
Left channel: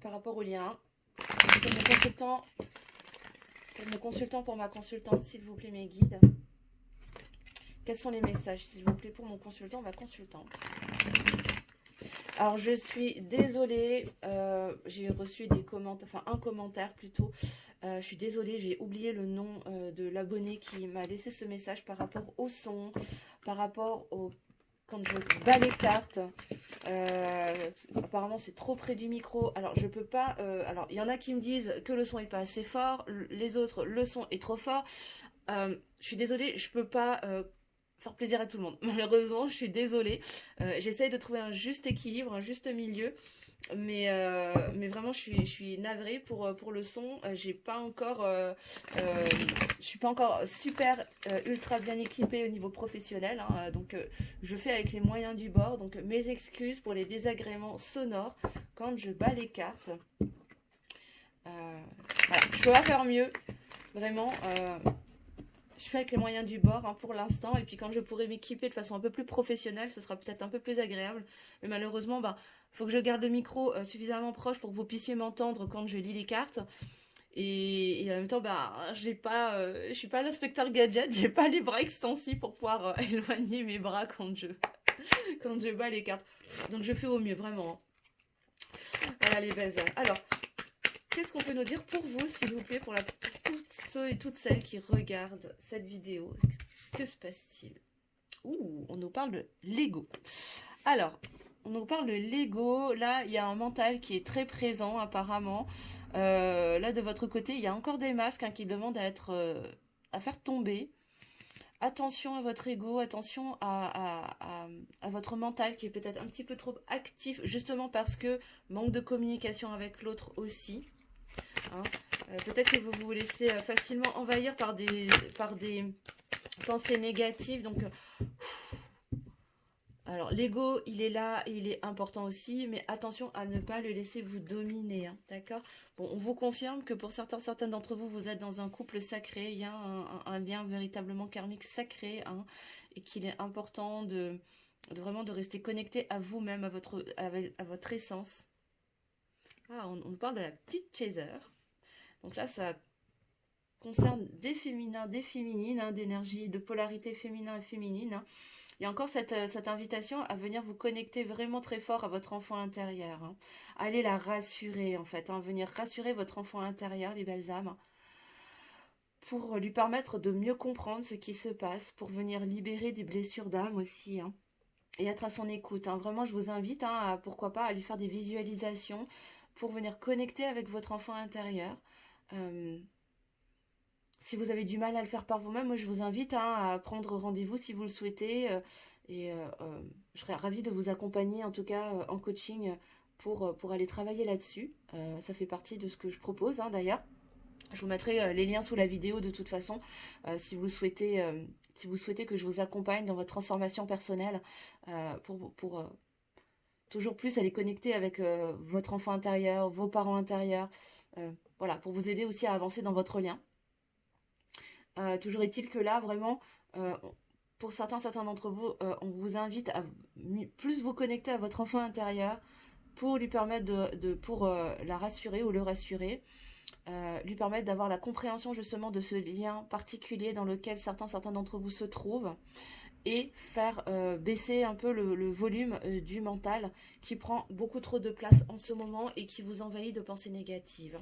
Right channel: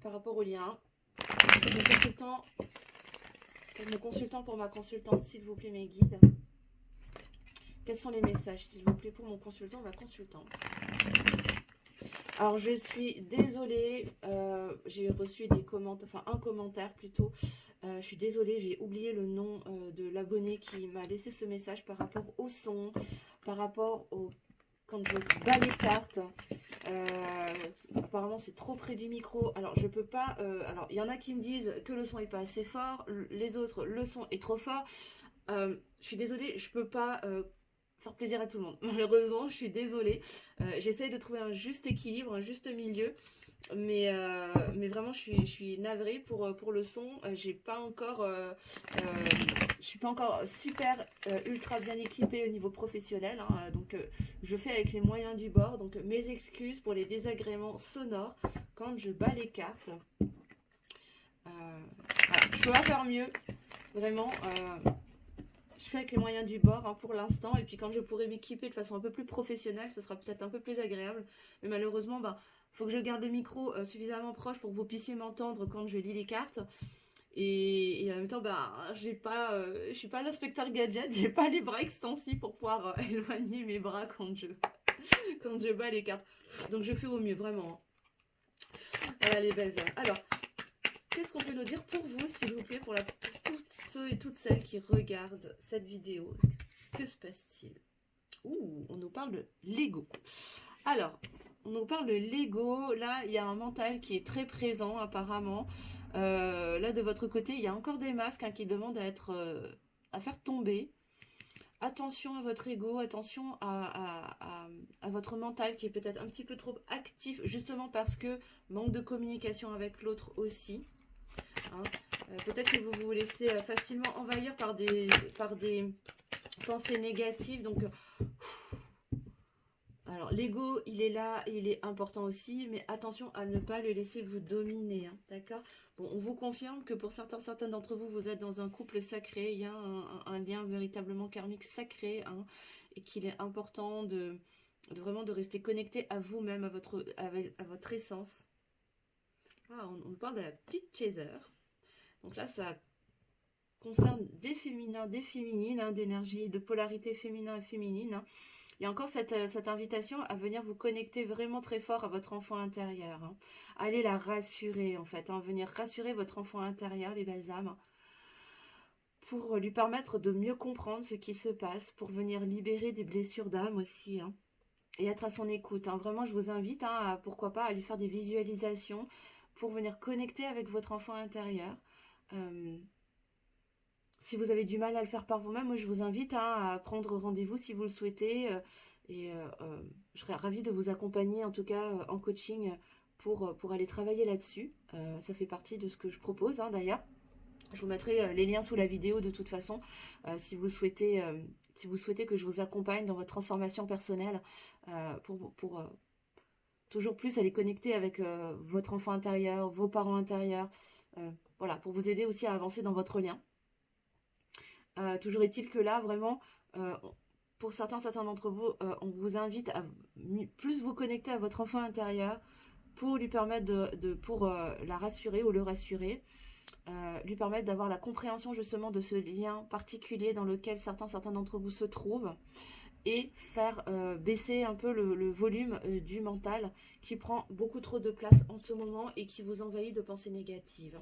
par rapport au lien. Mes consultants pour ma consultante, s'il vous plaît, mes guides. Quels sont les messages, s'il vous plaît, pour mon consultant, ma consultante? Alors, je suis désolée, j'ai reçu des commentaires, enfin un commentaire plutôt. Je suis désolée, j'ai oublié le nom de l'abonné qui m'a laissé ce message par rapport au son, par rapport au... Quand je bats les cartes, apparemment c'est trop près du micro. Alors je peux pas. Alors il y en a qui me disent que le son est pas assez fort, les autres le son est trop fort. Je suis désolée, je peux pas faire plaisir à tout le monde. Malheureusement, je suis désolée. J'essaye de trouver un juste équilibre, un juste milieu. Mais vraiment, je suis navrée pour le son. J'ai pas encore, je suis pas encore super ultra bien équipée au niveau professionnel, hein. Donc, je fais avec les moyens du bord. Donc, mes excuses pour les désagréments sonores quand je bats les cartes. Voilà, je peux pas faire mieux, vraiment. Je fais avec les moyens du bord, hein, pour l'instant. Et puis quand je pourrai m'équiper de façon un peu plus professionnelle, ce sera peut-être un peu plus agréable. Mais malheureusement, bah, faut que je garde le micro suffisamment proche pour que vous puissiez m'entendre quand je lis les cartes. Et en même temps, bah, je suis pas l'inspecteur gadget, j'ai pas les bras extensifs pour pouvoir éloigner mes bras quand je bats les cartes. Donc je fais au mieux, vraiment, hein. Voilà les belles âmes. Alors, qu'est-ce qu'on peut nous dire pour vous, s'il vous plaît, pour tous ceux et toutes celles qui regardent cette vidéo? Que se passe-t-il? Ouh, on nous parle de l'ego. Alors, on nous parle de l'ego. Là, il y a un mental qui est très présent, apparemment. Là, de votre côté, il y a encore des masques, hein, qui demandent à faire tomber. Attention à votre ego, attention à votre mental qui est peut-être un petit peu trop actif, justement parce que manque de communication avec l'autre aussi. Hein. Peut-être que vous vous laissez facilement envahir par des pensées négatives. Donc, alors l'ego, il est là, il est important aussi, mais attention à ne pas le laisser vous dominer, hein, d'accord? Bon, on vous confirme que pour certains d'entre vous, vous êtes dans un couple sacré, il y a un lien véritablement karmique sacré, hein, et qu'il est important vraiment de rester connecté à vous-même, à votre essence. Ah, on parle de la petite chaser. Donc là, ça concerne des féminins, des féminines, hein, d'énergie, de polarité féminin et féminine, hein. Il y a encore cette invitation à venir vous connecter vraiment très fort à votre enfant intérieur, hein. Allez la rassurer, en fait, hein, venir rassurer votre enfant intérieur, les belles âmes, pour lui permettre de mieux comprendre ce qui se passe, pour venir libérer des blessures d'âme aussi, hein, et être à son écoute, hein. Vraiment, je vous invite, hein, pourquoi pas, à lui faire des visualisations pour venir connecter avec votre enfant intérieur. Si vous avez du mal à le faire par vous-même, moi je vous invite, hein, à prendre rendez-vous si vous le souhaitez. Je serais ravie de vous accompagner, en tout cas en coaching, pour aller travailler là-dessus. Ça fait partie de ce que je propose, hein, d'ailleurs. Je vous mettrai les liens sous la vidéo de toute façon, si vous souhaitez que je vous accompagne dans votre transformation personnelle, pour toujours plus aller connecter avec votre enfant intérieur, vos parents intérieurs. Voilà, pour vous aider aussi à avancer dans votre lien. Toujours est-il que là, vraiment, euh, pour certains d'entre vous, on vous invite à plus vous connecter à votre enfant intérieur pour lui permettre pour la rassurer ou le rassurer, lui permettre d'avoir la compréhension justement de ce lien particulier dans lequel certains d'entre vous se trouvent, et faire baisser un peu le volume du mental qui prend beaucoup trop de place en ce moment et qui vous envahit de pensées négatives.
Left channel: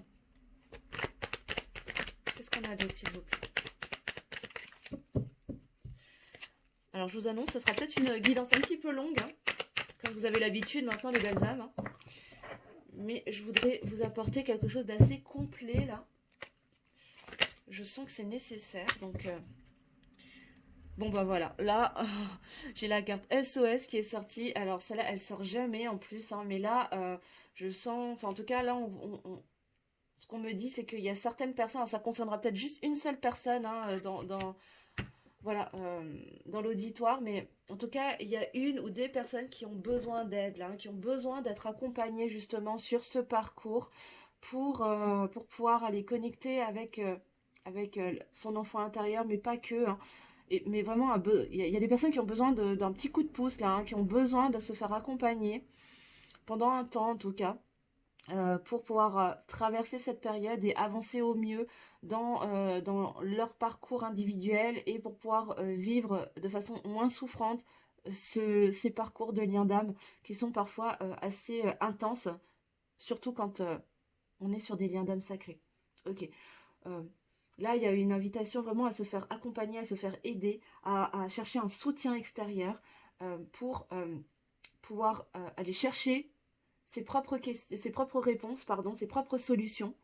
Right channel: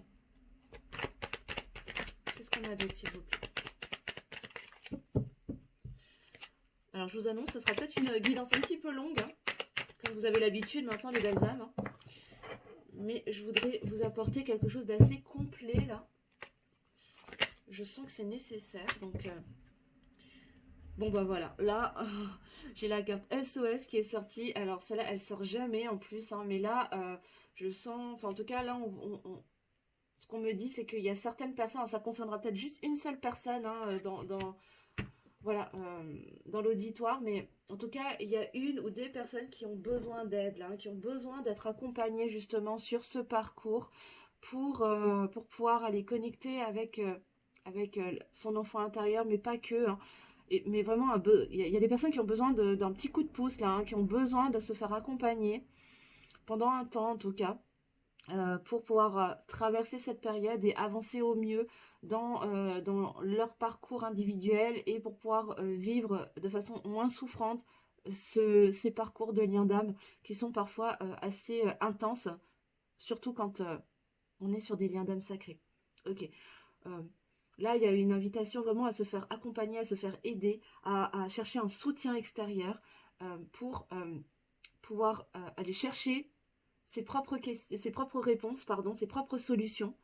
Qu'est-ce qu'on a d'autre, s'il vous plaît? Alors, je vous annonce, ce sera peut-être une guidance un petit peu longue, hein, comme vous avez l'habitude maintenant, les belles âmes, hein. Mais je voudrais vous apporter quelque chose d'assez complet, là. Je sens que c'est nécessaire, donc... Bon, bah voilà, là, j'ai la carte SOS qui est sortie. Alors, celle-là, elle sort jamais en plus, hein, mais là, je sens... Enfin, en tout cas, là, ce qu'on me dit, c'est qu'il y a certaines personnes, alors ça concernera peut-être juste une seule personne, hein, voilà, dans l'auditoire, mais en tout cas, il y a une ou des personnes qui ont besoin d'aide, là, hein, qui ont besoin d'être accompagnées justement sur ce parcours pour pouvoir aller connecter avec son enfant intérieur, mais pas que, hein. Mais vraiment, il y a des personnes qui ont besoin d'un petit coup de pouce, là, hein, qui ont besoin de se faire accompagner pendant un temps, en tout cas, pour pouvoir traverser cette période et avancer au mieux dans leur parcours individuel, et pour pouvoir vivre de façon moins souffrante ces parcours de lien d'âme qui sont parfois assez intenses, surtout quand on est sur des liens d'âme sacrés. Ok. Euh, Là, il y a une invitation vraiment à se faire accompagner, à se faire aider, à chercher un soutien extérieur pour pouvoir aller chercher ses propres réponses, pardon, ses propres solutions,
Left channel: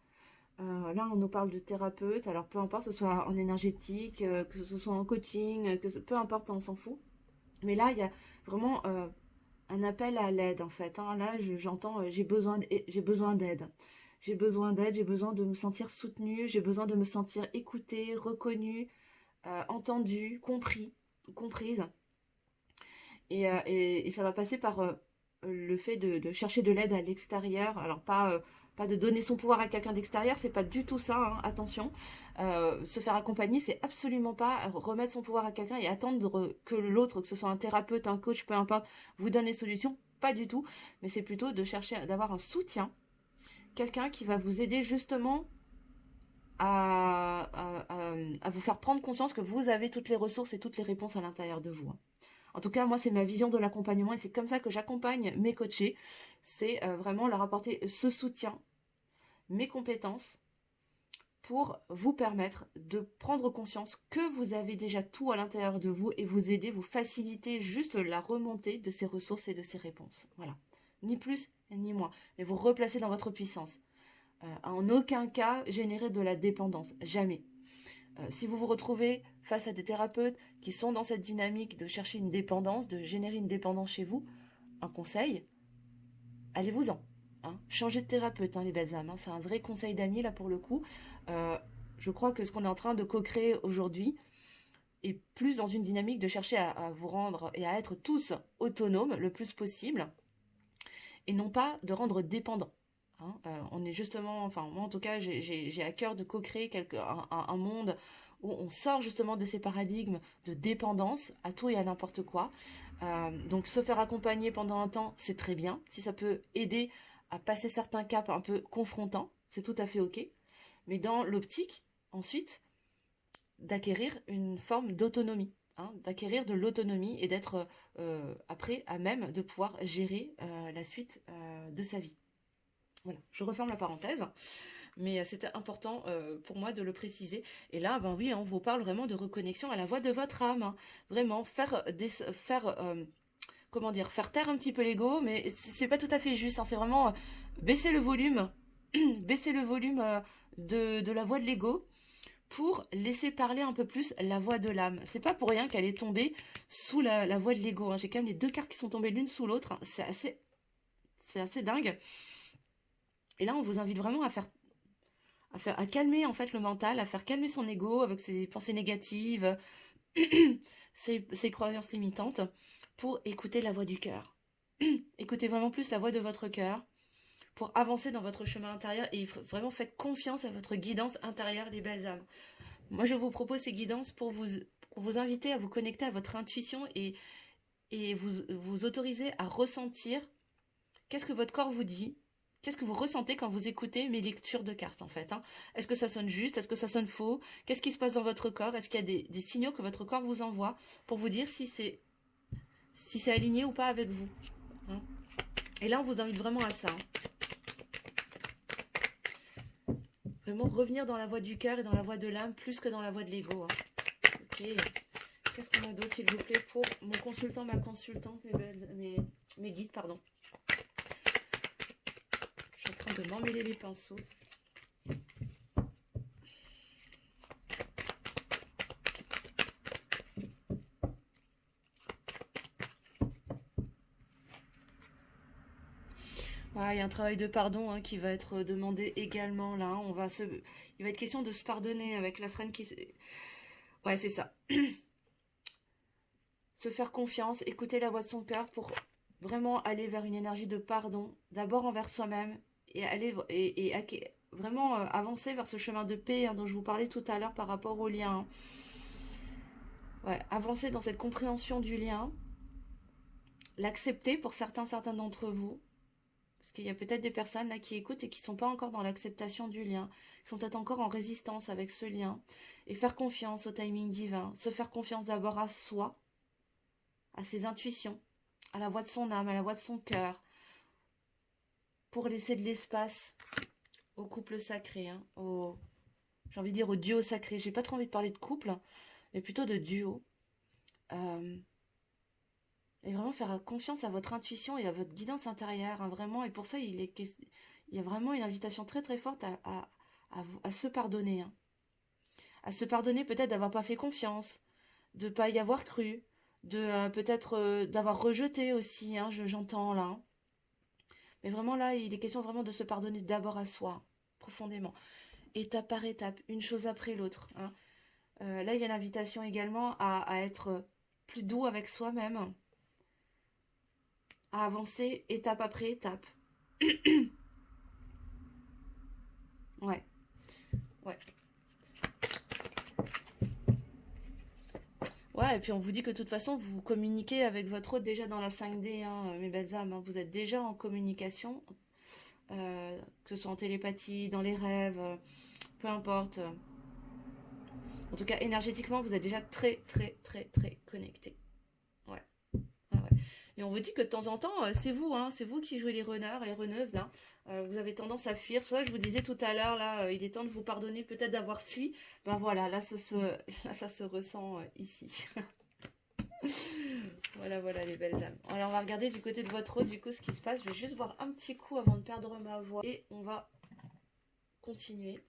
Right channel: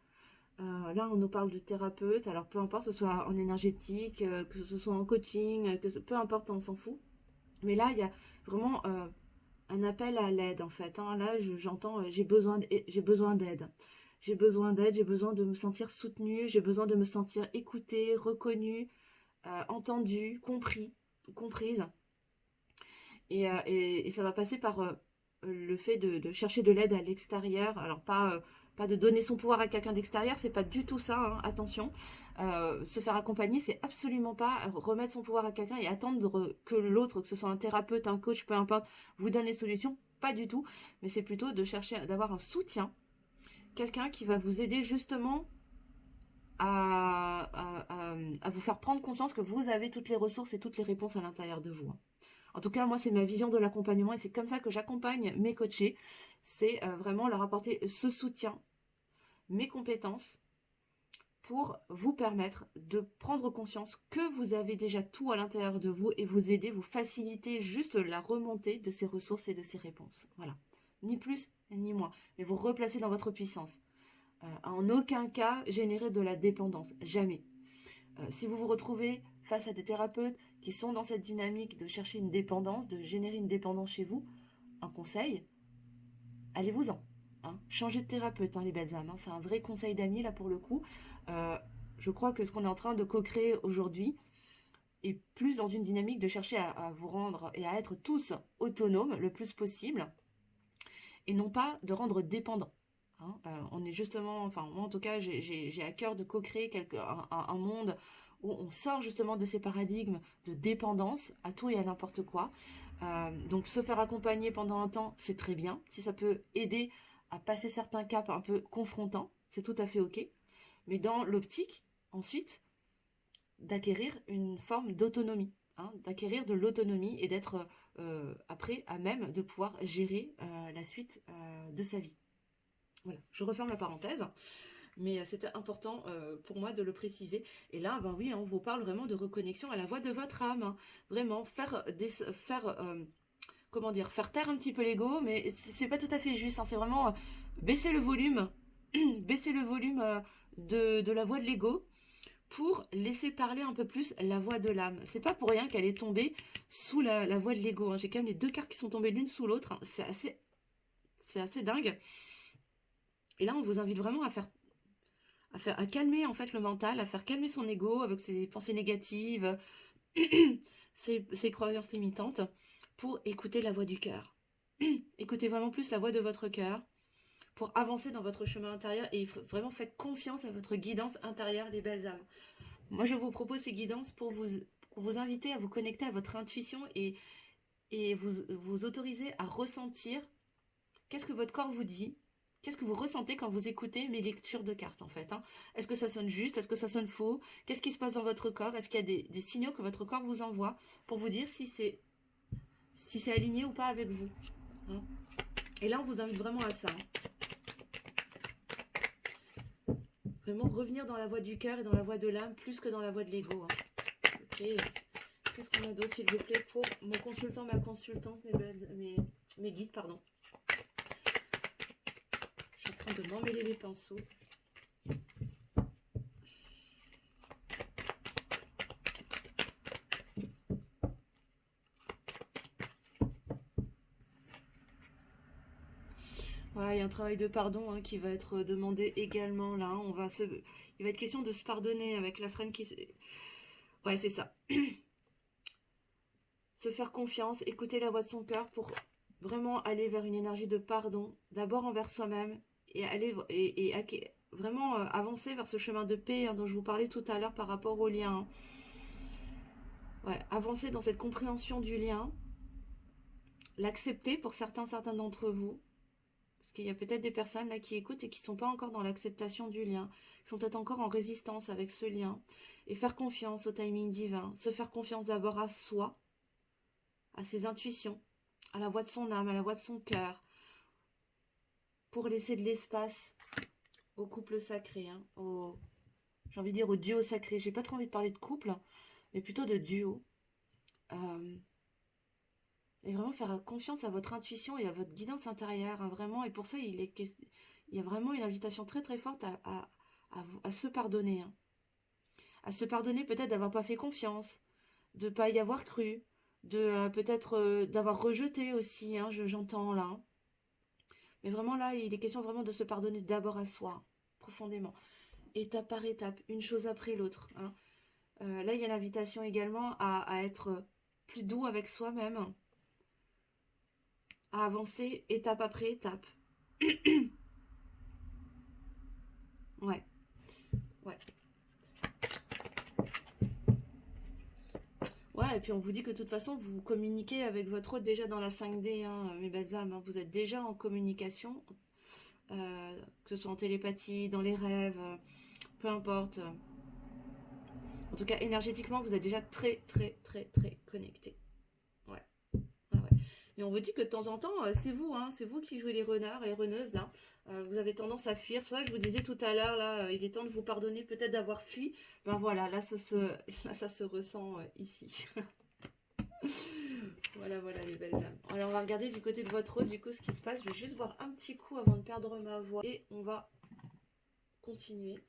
Là, on nous parle de thérapeute, alors peu importe, que ce soit en énergétique, que ce soit en coaching, peu importe, on s'en fout. Mais là, il y a vraiment un appel à l'aide, en fait, hein. Là, j'entends, j'ai besoin d'aide. J'ai besoin d'aide, j'ai besoin de me sentir soutenue, j'ai besoin de me sentir écoutée, reconnue, entendue, comprise. Et ça va passer par le fait de chercher de l'aide à l'extérieur. Alors pas de donner son pouvoir à quelqu'un d'extérieur, c'est pas du tout ça, hein, attention. Se faire accompagner, c'est absolument pas remettre son pouvoir à quelqu'un et attendre que l'autre, que ce soit un thérapeute, un coach, peu importe, vous donne les solutions. Pas du tout, mais c'est plutôt de chercher d'avoir un soutien, quelqu'un qui va vous aider justement à vous faire prendre conscience que vous avez toutes les ressources et toutes les réponses à l'intérieur de vous, hein. En tout cas, moi, c'est ma vision de l'accompagnement et c'est comme ça que j'accompagne mes coachés. C'est vraiment leur apporter ce soutien, mes compétences, pour vous permettre de prendre conscience que vous avez déjà tout à l'intérieur de vous et vous aider, vous faciliter juste la remontée de ces ressources et de ces réponses. Voilà. Ni plus ni moins. Mais vous replacer dans votre puissance. En aucun cas générer de la dépendance. Jamais. Si vous vous retrouvez face à des thérapeutes qui sont dans cette dynamique de chercher une dépendance, de générer une dépendance chez vous, un conseil, allez-vous-en, hein. Changez de thérapeute, hein, les belles âmes, hein. C'est un vrai conseil d'amis, là, pour le coup. Euh, je crois que ce qu'on est en train de co-créer aujourd'hui est plus dans une dynamique de chercher à vous rendre et à être tous autonomes le plus possible, et non pas de rendre dépendants, hein. On est justement, enfin moi en tout cas, j'ai à cœur de co-créer un monde où on sort justement de ces paradigmes de dépendance à tout et à n'importe quoi. Donc se faire accompagner pendant un temps, c'est très bien. Si ça peut aider à passer certains caps un peu confrontants, c'est tout à fait ok. Mais dans l'optique, ensuite, d'acquérir une forme d'autonomie, hein, d'acquérir de l'autonomie et d'être après à même de pouvoir gérer la suite de sa vie. Voilà, je referme la parenthèse, mais c'était important pour moi de le préciser. Et là, ben oui, on vous parle vraiment de reconnexion à la voix de votre âme, hein. Vraiment, comment dire, faire taire un petit peu l'ego, mais c'est pas tout à fait juste, hein. C'est vraiment baisser le volume, baisser le volume de la voix de l'ego pour laisser parler un peu plus la voix de l'âme. C'est pas pour rien qu'elle est tombée sous la voix de l'ego, hein. J'ai quand même les deux cartes qui sont tombées l'une sous l'autre, hein. C'est assez dingue. Et là, on vous invite vraiment à calmer en fait le mental, à faire calmer son ego avec ses pensées négatives, ses croyances limitantes, pour écouter la voix du cœur. Écoutez vraiment plus la voix de votre cœur pour avancer dans votre chemin intérieur et vraiment faites confiance à votre guidance intérieure, les belles âmes. Moi, je vous propose ces guidances pour vous inviter à vous connecter à votre intuition et vous autoriser à ressentir qu'est-ce que votre corps vous dit, qu'est-ce que vous ressentez quand vous écoutez mes lectures de cartes, en fait, hein. Est-ce que ça sonne juste? Est-ce que ça sonne faux? Qu'est-ce qui se passe dans votre corps? Est-ce qu'il y a des signaux que votre corps vous envoie pour vous dire si c'est aligné ou pas avec vous, hein. Et là, on vous invite vraiment à ça, hein. Vraiment revenir dans la voie du cœur et dans la voie de l'âme plus que dans la voie de l'ego, hein. Ok. Qu'est-ce qu'on a d'autre, s'il vous plaît, pour mon consultant, ma consultante, mes guides, pardon. Je suis en train de m'emmêler les pinceaux. Ouais, il y a un travail de pardon, hein, qui va être demandé également là, hein. Il va être question de se pardonner avec la sirène qui. Ouais, c'est ça. Se faire confiance, écouter la voix de son cœur pour vraiment aller vers une énergie de pardon, d'abord envers soi-même et aller vraiment avancer vers ce chemin de paix, hein, dont je vous parlais tout à l'heure par rapport au lien, hein. Ouais, avancer dans cette compréhension du lien, l'accepter pour certains d'entre vous. Parce qu'il y a peut-être des personnes là qui écoutent et qui ne sont pas encore dans l'acceptation du lien, qui sont peut-être encore en résistance avec ce lien. Et faire confiance au timing divin, se faire confiance d'abord à soi, à ses intuitions, à la voix de son âme, à la voix de son cœur, pour laisser de l'espace au couple sacré, hein, j'ai envie de dire au duo sacré. J'ai pas trop envie de parler de couple, mais plutôt de duo. Euh, et vraiment faire confiance à votre intuition et à votre guidance intérieure, hein, vraiment. Et pour ça, il y a vraiment une invitation très très forte à se pardonner, hein. À se pardonner peut-être d'avoir pas fait confiance, de pas y avoir cru, de peut-être d'avoir rejeté aussi, hein, j'entends là, hein. Mais vraiment là, il est question vraiment de se pardonner d'abord à soi, profondément, étape par étape, une chose après l'autre, hein. Là, il y a l'invitation également à être plus doux avec soi-même, à avancer étape après étape. Ouais, ouais. Ouais, et puis on vous dit que de toute façon, vous communiquez avec votre hôte déjà dans la 5D, hein, mes belles âmes, hein. Vous êtes déjà en communication, que ce soit en télépathie, dans les rêves, peu importe. En tout cas, énergétiquement, vous êtes déjà très, très, très, très connecté. Ouais. Ah ouais. Et on vous dit que de temps en temps, c'est vous, hein, c'est vous qui jouez les runners, les runneuses, là. Vous avez tendance à fuir. C'est pour ça que je vous disais tout à l'heure, là, il est temps de vous pardonner peut-être d'avoir fui. Ben voilà, là, ça se ressent ici. Voilà, voilà, les belles âmes. Alors, on va regarder du côté de votre hôte, du coup, ce qui se passe. Je vais juste voir un petit coup avant de perdre ma voix. Et on va continuer.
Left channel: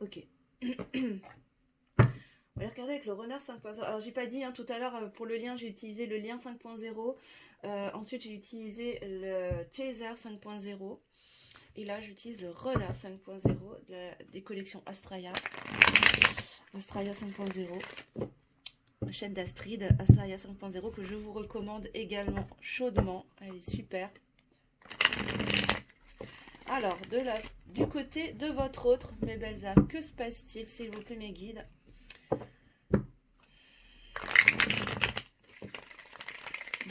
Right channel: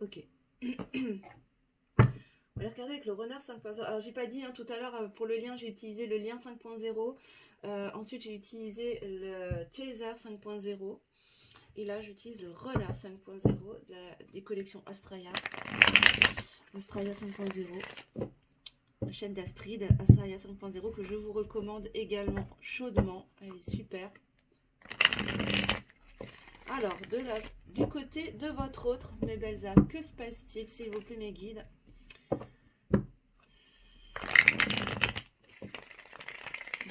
Ok. On va regarder avec le renard 5.0. Alors, j'ai pas dit, hein, tout à l'heure, pour le lien, j'ai utilisé le lien 5.0. Ensuite, j'ai utilisé le Chaser 5.0. Et là, j'utilise le Renard 5.0 des collections Astraea. Astraea 5.0. Chaîne d'Astrid, Astraea 5.0, que je vous recommande également chaudement. Elle est super. Alors, du côté de votre autre, mes belles âmes, que se passe-t-il, s'il vous plaît, mes guides?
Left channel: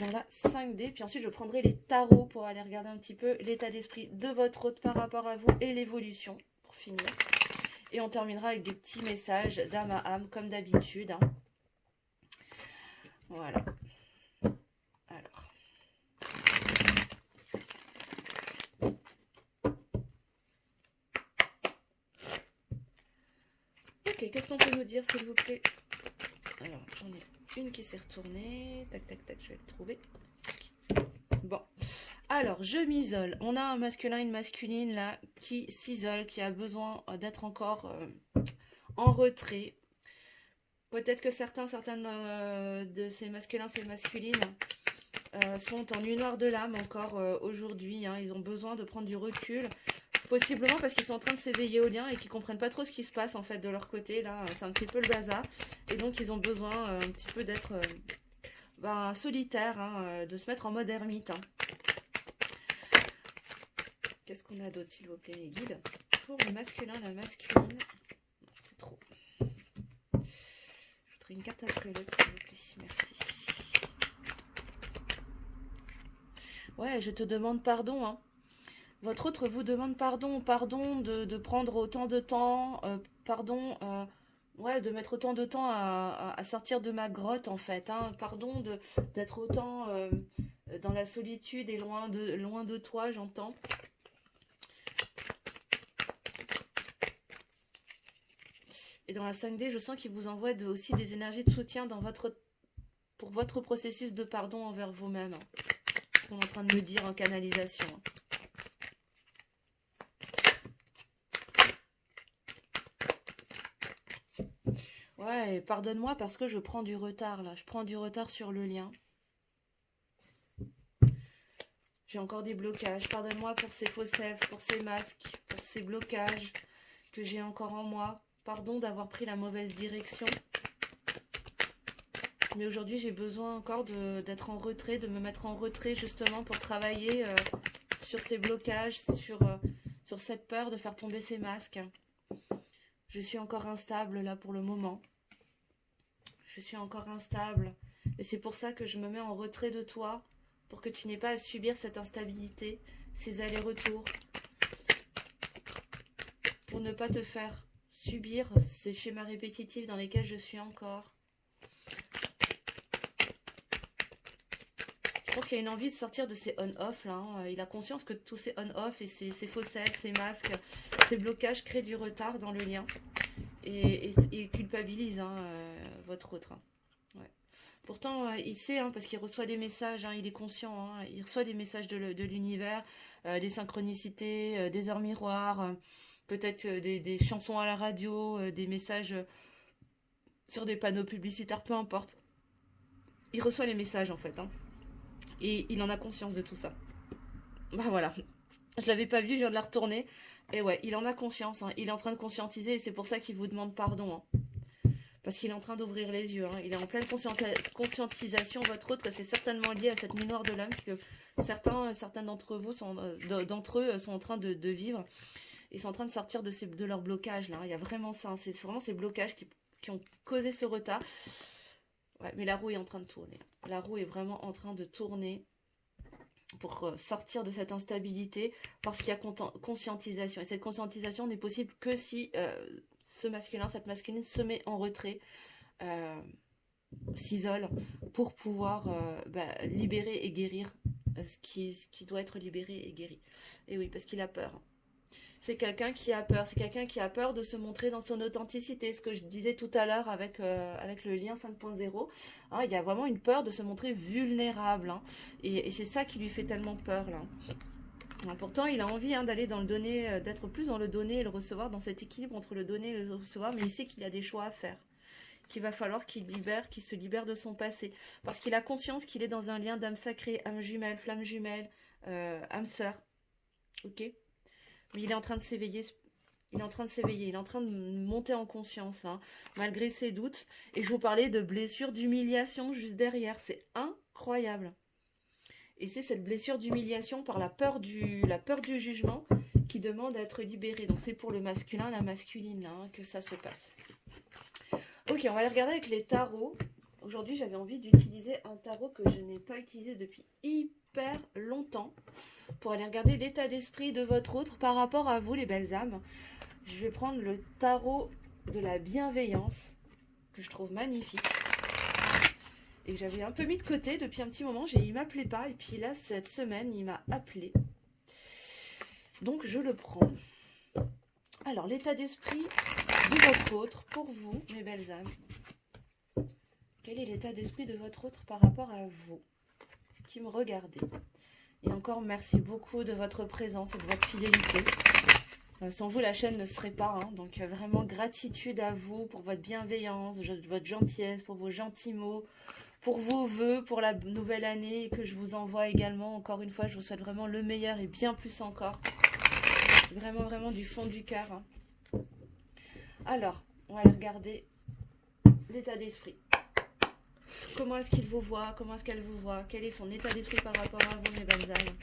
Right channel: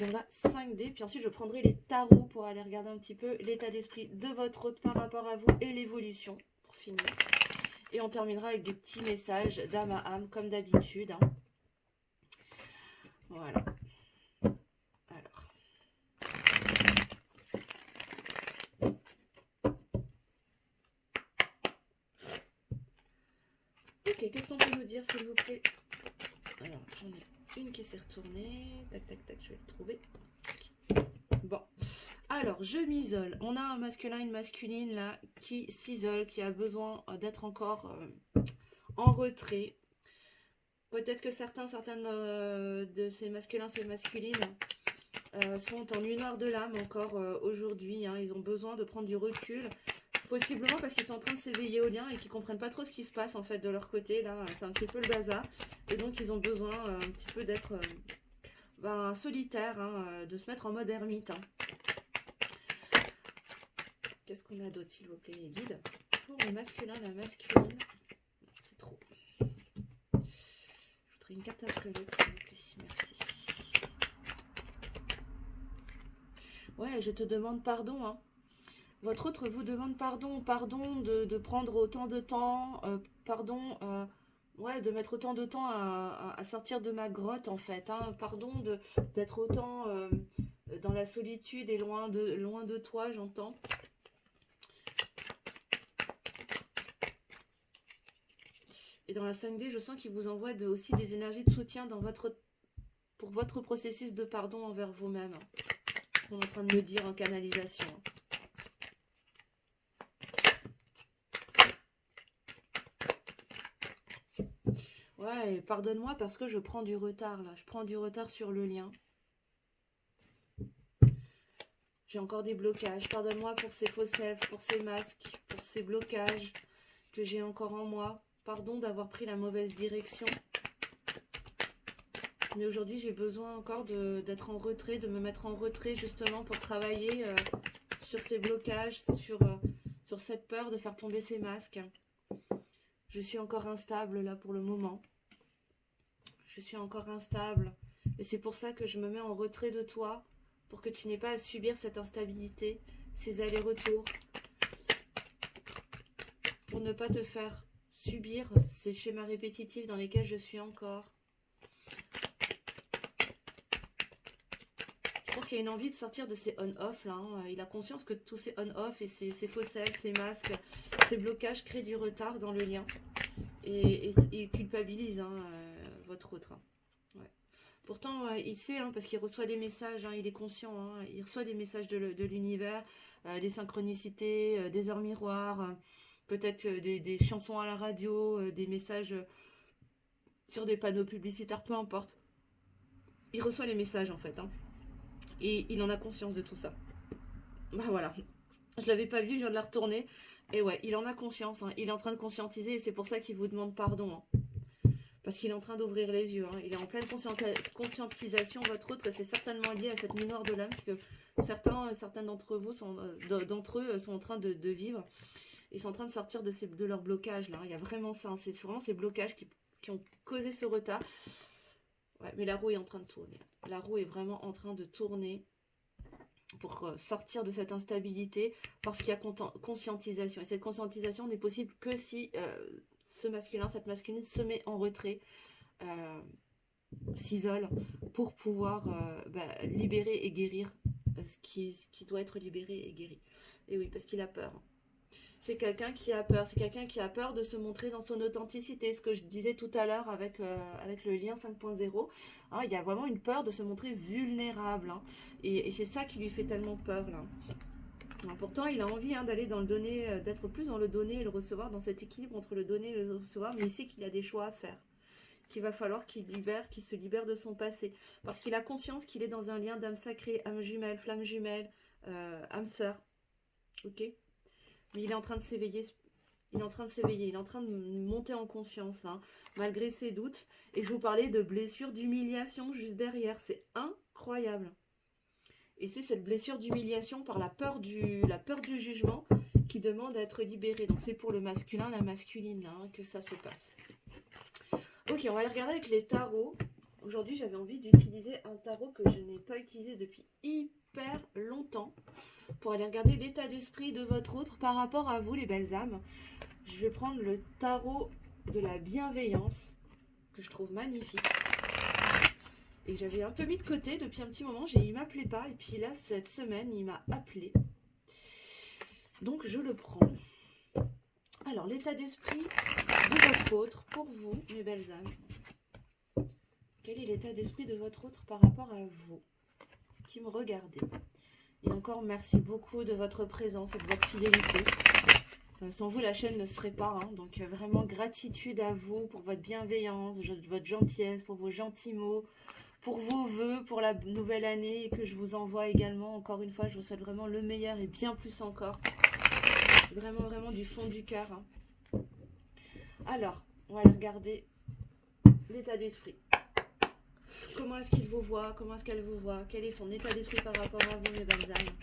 Dans la 5D, puis ensuite je prendrai les tarots pour aller regarder un petit peu l'état d'esprit de votre hôte par rapport à vous et l'évolution, pour finir. Et on terminera avec des petits messages d'âme à âme, comme d'habitude, hein. Voilà. Alors. Ok, qu'est-ce qu'on peut nous dire, s'il vous plaît? Alors, j'en ai une qui s'est retournée. Tac, tac, tac, je vais le trouver. Bon. Alors, je m'isole. On a un masculin, une masculine, là, qui s'isole, qui a besoin d'être encore en retrait. Peut-être que certaines de ces masculins, ces masculines sont en nuit noire de l'âme encore aujourd'hui, hein. Ils ont besoin de prendre du recul. Possiblement parce qu'ils sont en train de s'éveiller au lien et qu'ils comprennent pas trop ce qui se passe en fait de leur côté. Là, c'est un petit peu le bazar. Et donc, ils ont besoin un petit peu d'être solitaires, hein, de se mettre en mode ermite, hein. Qu'est-ce qu'on a d'autre, s'il vous plaît, les guides? Pour le masculin, la masculine. C'est trop. Je voudrais une carte après l'autre, s'il vous plaît. Merci. Ouais, je te demande pardon, hein. Votre autre vous demande pardon, pardon de prendre autant de temps, pardon, ouais, de mettre autant de temps à sortir de ma grotte en fait, hein, pardon d'être autant dans la solitude et loin de toi, j'entends. Et dans la 5D, je sens qu'il vous envoie aussi des énergies de soutien pour votre processus de pardon envers vous-même. On est en train de me dire en canalisation. Ouais, pardonne-moi parce que je prends du retard là. Je prends du retard sur le lien. J'ai encore des blocages. Pardonne-moi pour ces fausses lèvres, pour ces masques, pour ces blocages que j'ai encore en moi. Pardon d'avoir pris la mauvaise direction. Mais aujourd'hui, j'ai besoin encore d'être en retrait, de me mettre en retrait justement pour travailler sur ces blocages, sur cette peur de faire tomber ces masques. Je suis encore instable là pour le moment. Je suis encore instable. Et c'est pour ça que je me mets en retrait de toi, pour que tu n'aies pas à subir cette instabilité, ces allers-retours. Pour ne pas te faire subir ces schémas répétitifs dans lesquels je suis encore. Je pense qu'il y a une envie de sortir de ces on-off là, hein. Il a conscience que tous ces on-off et ces faussettes, ces masques, ces blocages créent du retard dans le lien et culpabilisent, hein, votre autre, hein. Ouais. Pourtant, il sait, hein, parce qu'il reçoit des messages, hein, il est conscient, hein, il reçoit des messages de l'univers, des synchronicités, des heures miroirs, peut-être des chansons à la radio, des messages sur des panneaux publicitaires, peu importe. Il reçoit les messages en fait, hein, et il en a conscience de tout ça. Bah voilà, je l'avais pas vu, je viens de la retourner. Et ouais, il en a conscience, hein, il est en train de conscientiser et c'est pour ça qu'il vous demande pardon, hein. Parce qu'il est en train d'ouvrir les yeux, hein. Il est en pleine conscientisation, votre autre, et c'est certainement lié à cette mémoire de l'âme que certains d'entre vous, d'entre eux, sont en train de vivre. Ils sont en train de sortir de leur blocage, là. Il y a vraiment ça, hein. C'est vraiment ces blocages qui ont causé ce retard. Ouais, mais la roue est en train de tourner. La roue est vraiment en train de tourner pour sortir de cette instabilité parce qu'il y a conscientisation. Et cette conscientisation n'est possible que si ce masculin, cette masculine se met en retrait, euh, s'isole pour pouvoir libérer et guérir ce qui doit être libéré et guéri. Et oui, parce qu'il a peur. C'est quelqu'un qui a peur. C'est quelqu'un qui a peur de se montrer dans son authenticité. Ce que je disais tout à l'heure avec le lien 5.0. Hein, il y a vraiment une peur de se montrer vulnérable. Hein, et c'est ça qui lui fait tellement peur, là. Pourtant, il a envie, hein, d'aller dans le donner, d'être plus dans le donner et le recevoir, dans cet équilibre entre le donner et le recevoir. Mais il sait qu'il a des choix à faire. Qu'il va falloir qu'il se libère de son passé. Parce qu'il a conscience qu'il est dans un lien d'âme sacrée, âme jumelle, flamme jumelle, âme sœur. Ok ? Mais il est en train de s'éveiller. Il est en train de s'éveiller. Il est en train de monter en conscience, hein, malgré ses doutes. Et je vous parlais de blessure d'humiliation juste derrière. C'est incroyable. Et c'est cette blessure d'humiliation par la peur du jugement qui demande à être libérée. Donc c'est pour le masculin, la masculine, là, hein, que ça se passe. Ok, on va aller regarder avec les tarots. Aujourd'hui, j'avais envie d'utiliser un tarot que je n'ai pas utilisé depuis hyper longtemps pour aller regarder l'état d'esprit de votre autre par rapport à vous, les belles âmes. Je vais prendre le tarot de la bienveillance, que je trouve magnifique. Et que j'avais un peu mis de côté depuis un petit moment. Il m'appelait pas. Et puis là, cette semaine, il m'a appelé. Donc, je le prends. Alors, l'état d'esprit de votre autre, pour vous, mes belles âmes. Quel est l'état d'esprit de votre autre par rapport à vous qui me regardez? Et encore, merci beaucoup de votre présence et de votre fidélité. Sans vous, la chaîne ne serait pas. Hein. Donc, vraiment, gratitude à vous pour votre bienveillance, votre gentillesse, pour vos gentils mots, pour vos vœux, pour la nouvelle année que je vous envoie également. Encore une fois, je vous souhaite vraiment le meilleur et bien plus encore. Vraiment, vraiment du fond du cœur. Hein. Alors, on va aller regarder l'état d'esprit. Comment est-ce qu'il vous voit? Comment est-ce qu'elle vous voit? Quel est son état d'esprit par rapport à vous, mes belles âmes?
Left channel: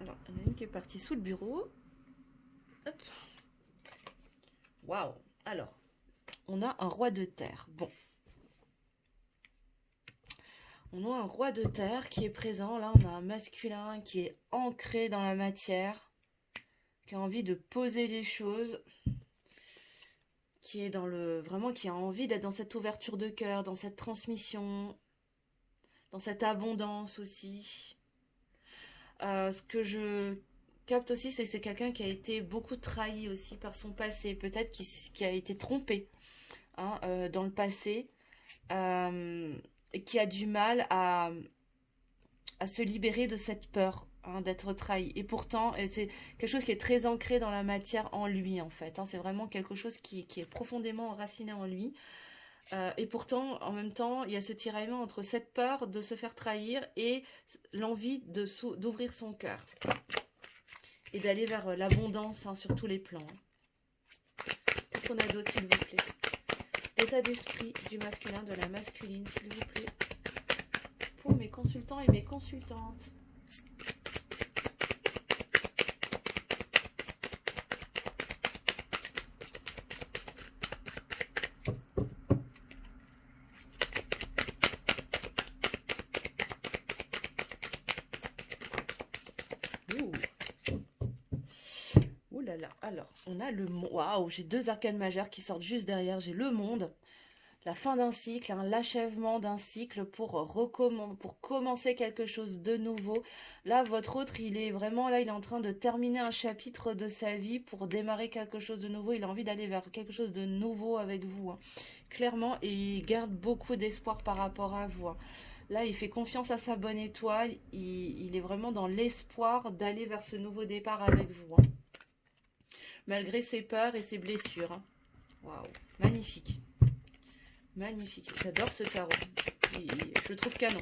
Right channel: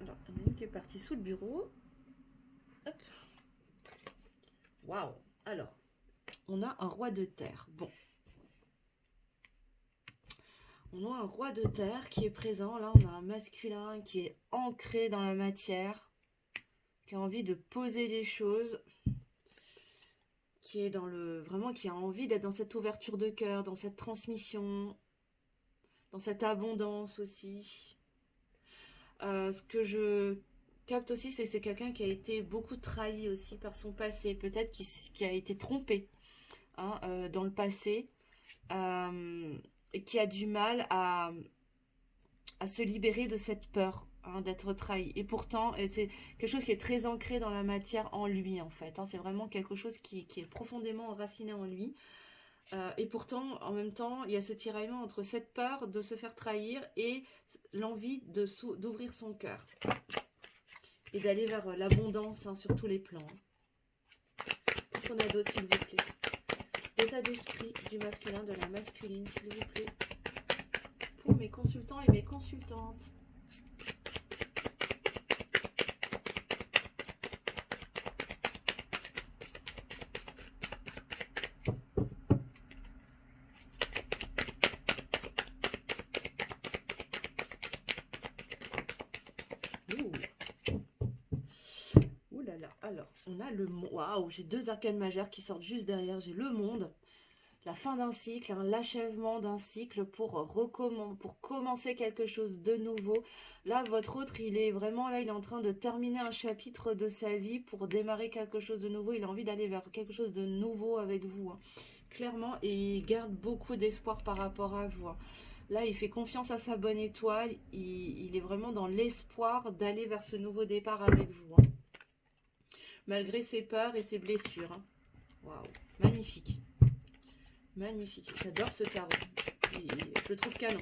Alors, il y en a une qui est partie sous le bureau. Hop. Waouh! Alors, on a un roi de terre. Bon. On a un roi de terre qui est présent. Là, on a un masculin qui est ancré dans la matière, qui a envie de poser les choses, qui est vraiment qui a envie d'être dans cette ouverture de cœur, dans cette transmission, dans cette abondance aussi. Ce que je capte aussi, c'est que c'est quelqu'un qui a été beaucoup trahi aussi par son passé, peut-être qui a été trompé, hein, dans le passé, et qui a du mal à se libérer de cette peur, hein, d'être trahi. Et pourtant, c'est quelque chose qui est très ancré dans la matière en lui, en fait. Hein. C'est vraiment quelque chose qui est profondément enraciné en lui. Et pourtant, en même temps, il y a ce tiraillement entre cette peur de se faire trahir et l'envie d'ouvrir son cœur. Et d'aller vers l'abondance, hein, sur tous les plans. Qu'est-ce qu'on a d'autre, s'il vous plaît? L'état d'esprit du masculin, de la masculine, s'il vous plaît. Pour mes consultants et mes consultantes. Alors, on a le monde. Waouh, j'ai deux arcanes majeures qui sortent juste derrière. J'ai le monde, la fin d'un cycle, hein, l'achèvement d'un cycle pour commencer quelque chose de nouveau. Là, votre autre, il est vraiment là, il est en train de terminer un chapitre de sa vie pour démarrer quelque chose de nouveau. Il a envie d'aller vers quelque chose de nouveau avec vous, hein, clairement, et il garde beaucoup d'espoir par rapport à vous, hein. Là, il fait confiance à sa bonne étoile. Il est vraiment dans l'espoir d'aller vers ce nouveau départ avec vous, hein, malgré ses peurs et ses blessures, hein. Waouh, magnifique. Magnifique. J'adore ce tarot. Je le trouve canon.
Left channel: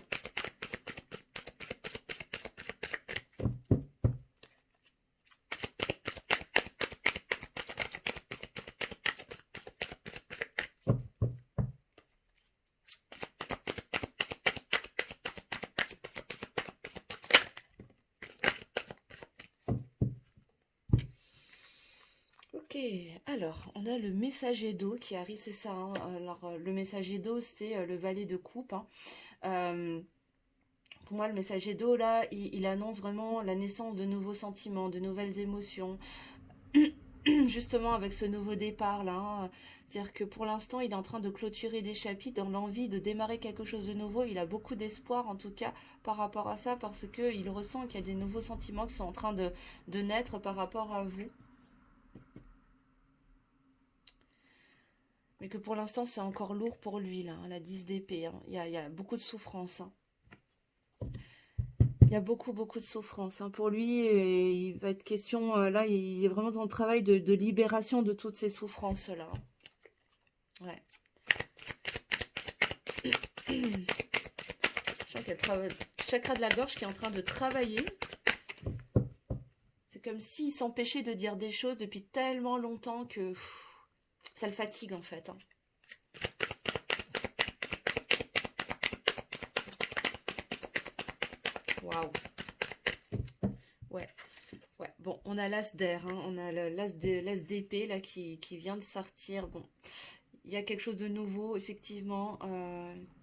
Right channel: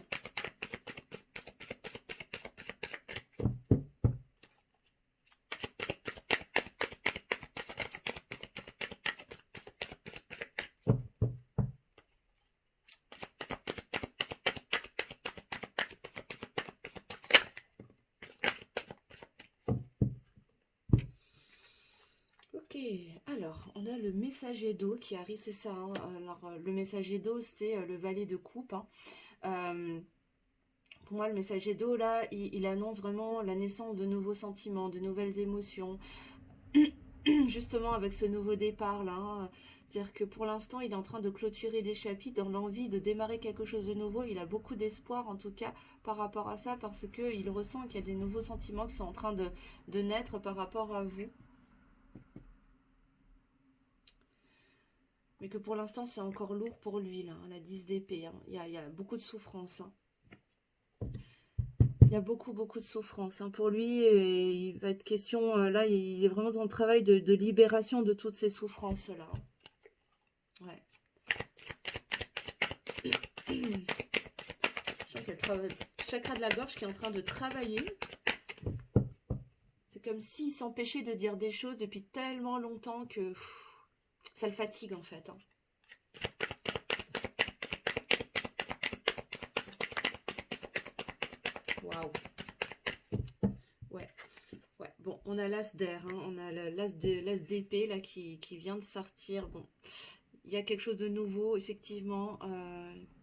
Ok, alors, on a le messager d'eau qui arrive, c'est ça, hein. Alors, le messager d'eau, c'est le valet de coupe, hein. Pour moi, le messager d'eau, là, il annonce vraiment la naissance de nouveaux sentiments, de nouvelles émotions, justement avec ce nouveau départ, là, hein. C'est-à-dire que pour l'instant, il est en train de clôturer des chapitres dans l'envie de démarrer quelque chose de nouveau. Il a beaucoup d'espoir, en tout cas, par rapport à ça, parce qu'il ressent qu'il y a des nouveaux sentiments qui sont en train de naître par rapport à vous. Mais que pour l'instant, c'est encore lourd pour lui, là, hein, la 10 d'épée, hein. Il y a beaucoup de souffrance, hein. Il y a beaucoup, beaucoup de souffrance, hein. Pour lui, il va être question, là, il est vraiment dans le travail de libération de toutes ces souffrances-là, hein. Ouais. Je sens qu'il y a le chakra de la gorge qui est en train de travailler. C'est comme s'il s'empêchait de dire des choses depuis tellement longtemps que ça le fatigue, en fait, hein. Waouh. Ouais. Ouais. Bon, on a l'as d'air, hein. On a l'as d'épée, là, qui vient de sortir. Bon. Il y a quelque chose de nouveau, effectivement,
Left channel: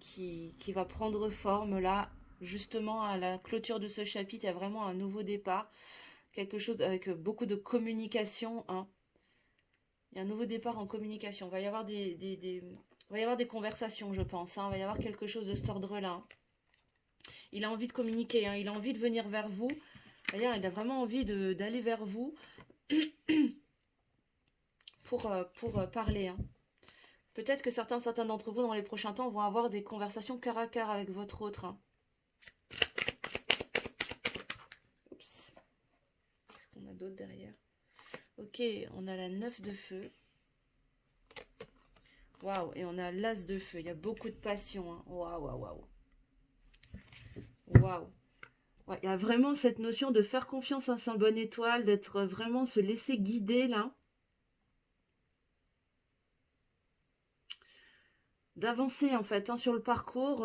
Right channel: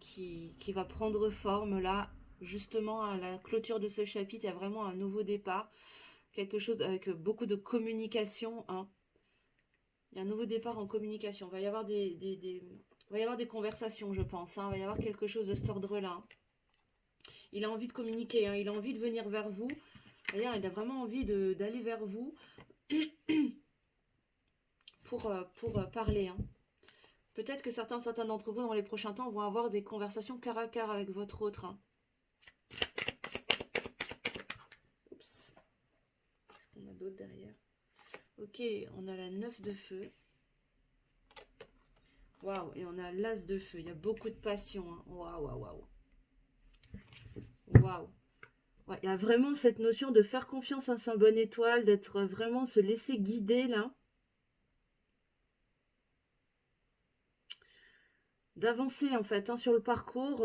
qui va prendre forme, là. Justement, à la clôture de ce chapitre, il y a vraiment un nouveau départ. Quelque chose avec beaucoup de communication, hein. Il y a un nouveau départ en communication. Il va y avoir va y avoir des conversations, je pense, hein. Il va y avoir quelque chose de cet ordre-là, hein. Il a envie de communiquer, hein. Il a envie de venir vers vous. D'ailleurs, il a vraiment envie d'aller vers vous pour parler, hein. Peut-être que certains d'entre vous, dans les prochains temps, vont avoir des conversations cœur à cœur avec votre autre, hein. Oups. Qu'est-ce qu'on a d'autre derrière? Ok, on a la 9 de feu. Waouh, et on a l'as de feu. Il y a beaucoup de passion, hein. Waouh, waouh, waouh. Waouh. Ouais, il y a vraiment cette notion de faire confiance à sa bonne étoile, d'être vraiment se laisser guider, là. D'avancer, en fait, hein, sur le parcours.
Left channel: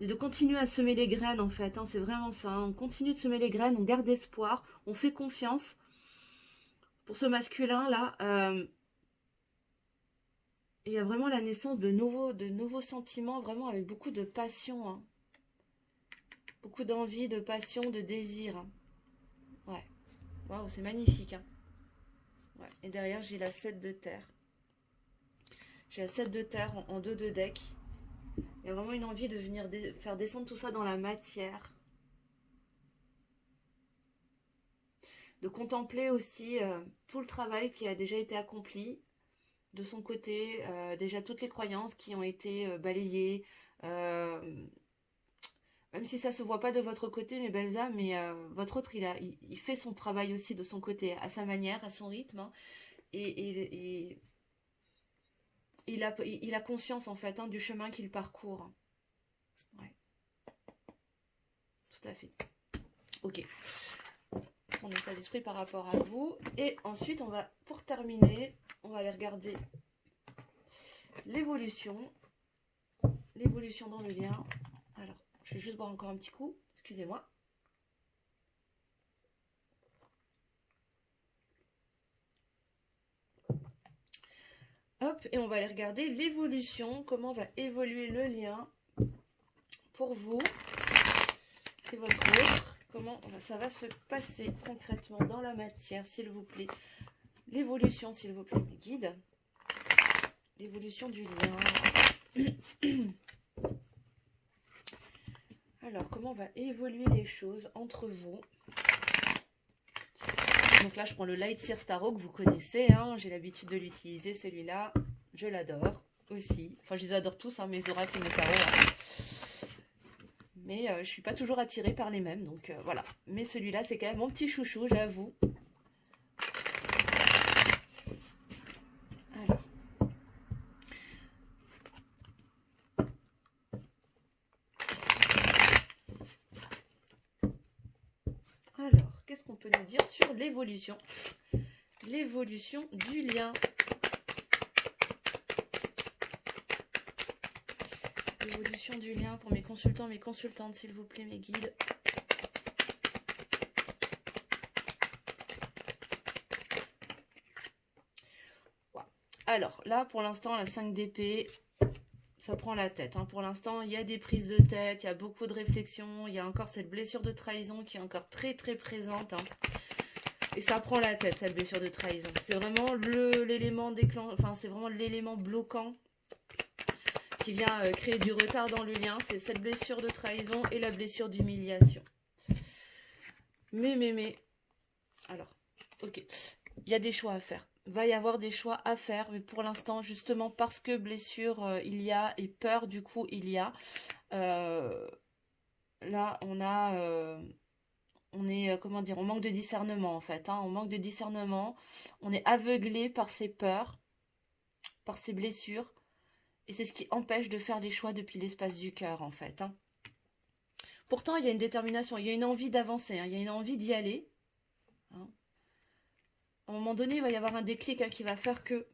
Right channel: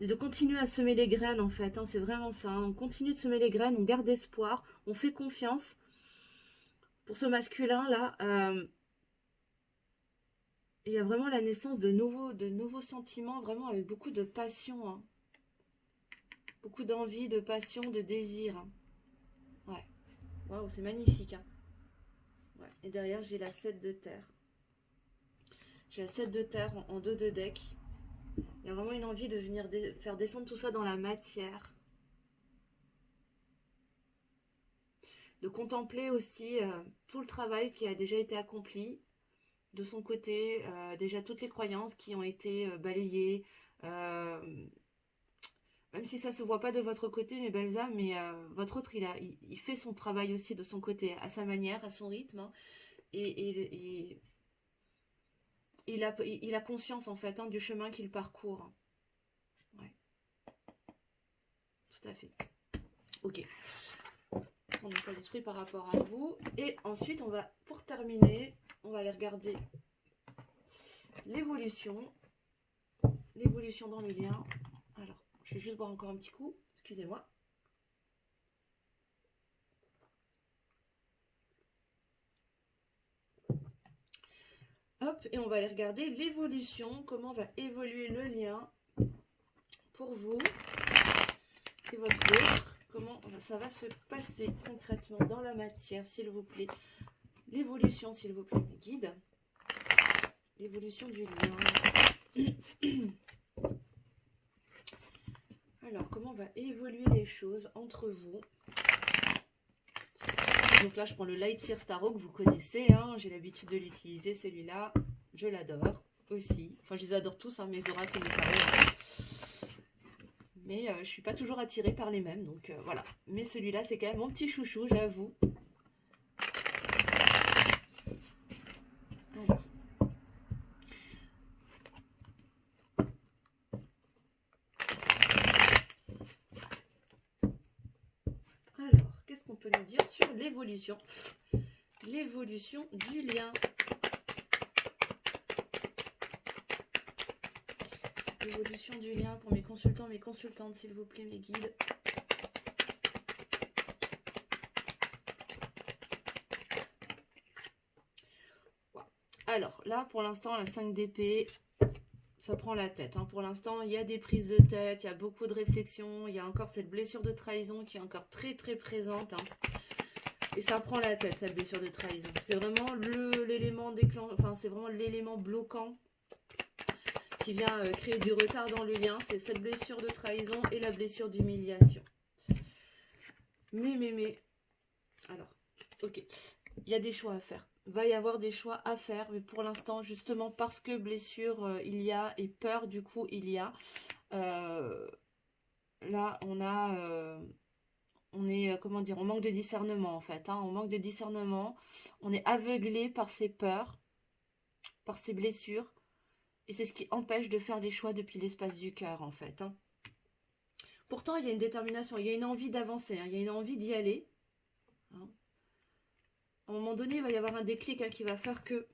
De continuer à semer les graines, en fait, hein, c'est vraiment ça, hein. On continue de semer les graines, on garde espoir, on fait confiance. Pour ce masculin, là, il y a vraiment la naissance de nouveaux sentiments, vraiment avec beaucoup de passion, hein. Beaucoup d'envie, de passion, de désir, hein. Ouais. Waouh, c'est magnifique, hein. Ouais. Et derrière, j'ai la 7 de terre. J'ai la 7 de terre en 2 de deck. Il y a vraiment une envie de venir faire descendre tout ça dans la matière. De contempler aussi tout le travail qui a déjà été accompli de son côté, déjà toutes les croyances qui ont été balayées, même si ça ne se voit pas de votre côté, mes belles âmes, mais votre autre, il fait son travail aussi de son côté, à sa manière, à son rythme, hein. Et il a conscience, en fait, hein, du chemin qu'il parcourt. Ouais, tout à fait. Ok. Son état d'esprit par rapport à vous. Et ensuite, pour terminer, on va aller regarder l'évolution. L'évolution dans le lien. Alors, je vais juste boire encore un petit coup. Excusez-moi. Hop, et on va aller regarder l'évolution. Comment va évoluer le lien pour vous et votre autre. comment ça va se passer concrètement dans la matière, s'il vous plaît. L'évolution, s'il vous plaît, mes guides. L'évolution du lien. Alors, comment va évoluer les choses entre vous? Donc là, je prends le Light Seer Tarot que vous connaissez. Hein, j'ai l'habitude de l'utiliser, celui-là. Je l'adore aussi. Enfin, je les adore tous, hein, mes oracles et mes tarots. Mais je ne suis pas toujours attirée par les mêmes. Donc voilà. Mais celui-là, c'est quand même mon petit chouchou, j'avoue. Alors, qu'est-ce qu'on peut nous dire sur l'évolution? L'évolution du lien. L'évolution du lien pour mes consultants, mes consultantes, s'il vous plaît, mes guides. Alors, là, pour l'instant, la 5 d'épée, ça prend la tête. Hein. Pour l'instant, il y a des prises de tête, il y a beaucoup de réflexions, il y a encore cette blessure de trahison qui est encore très, très présente. Hein. Et ça prend la tête, cette blessure de trahison. C'est vraiment l'élément déclencheur, enfin, c'est vraiment l'élément bloquant qui vient créer du retard dans le lien. C'est cette blessure de trahison et la blessure d'humiliation. Mais, alors, ok, il y a des choix à faire. Il va y avoir des choix à faire, mais pour l'instant, justement, parce que blessure il y a et peur, du coup, il y a. Là, on est, comment dire, on manque de discernement, en fait. Hein, on manque de discernement. On est aveuglé par ses peurs, par ses blessures. Et c'est ce qui empêche de faire les choix depuis l'espace du cœur, en fait. Hein. Pourtant, il y a une détermination, il y a une envie d'avancer, hein, il y a une envie d'y aller. Hein. À un moment donné, il va y avoir un déclic hein, qui va faire que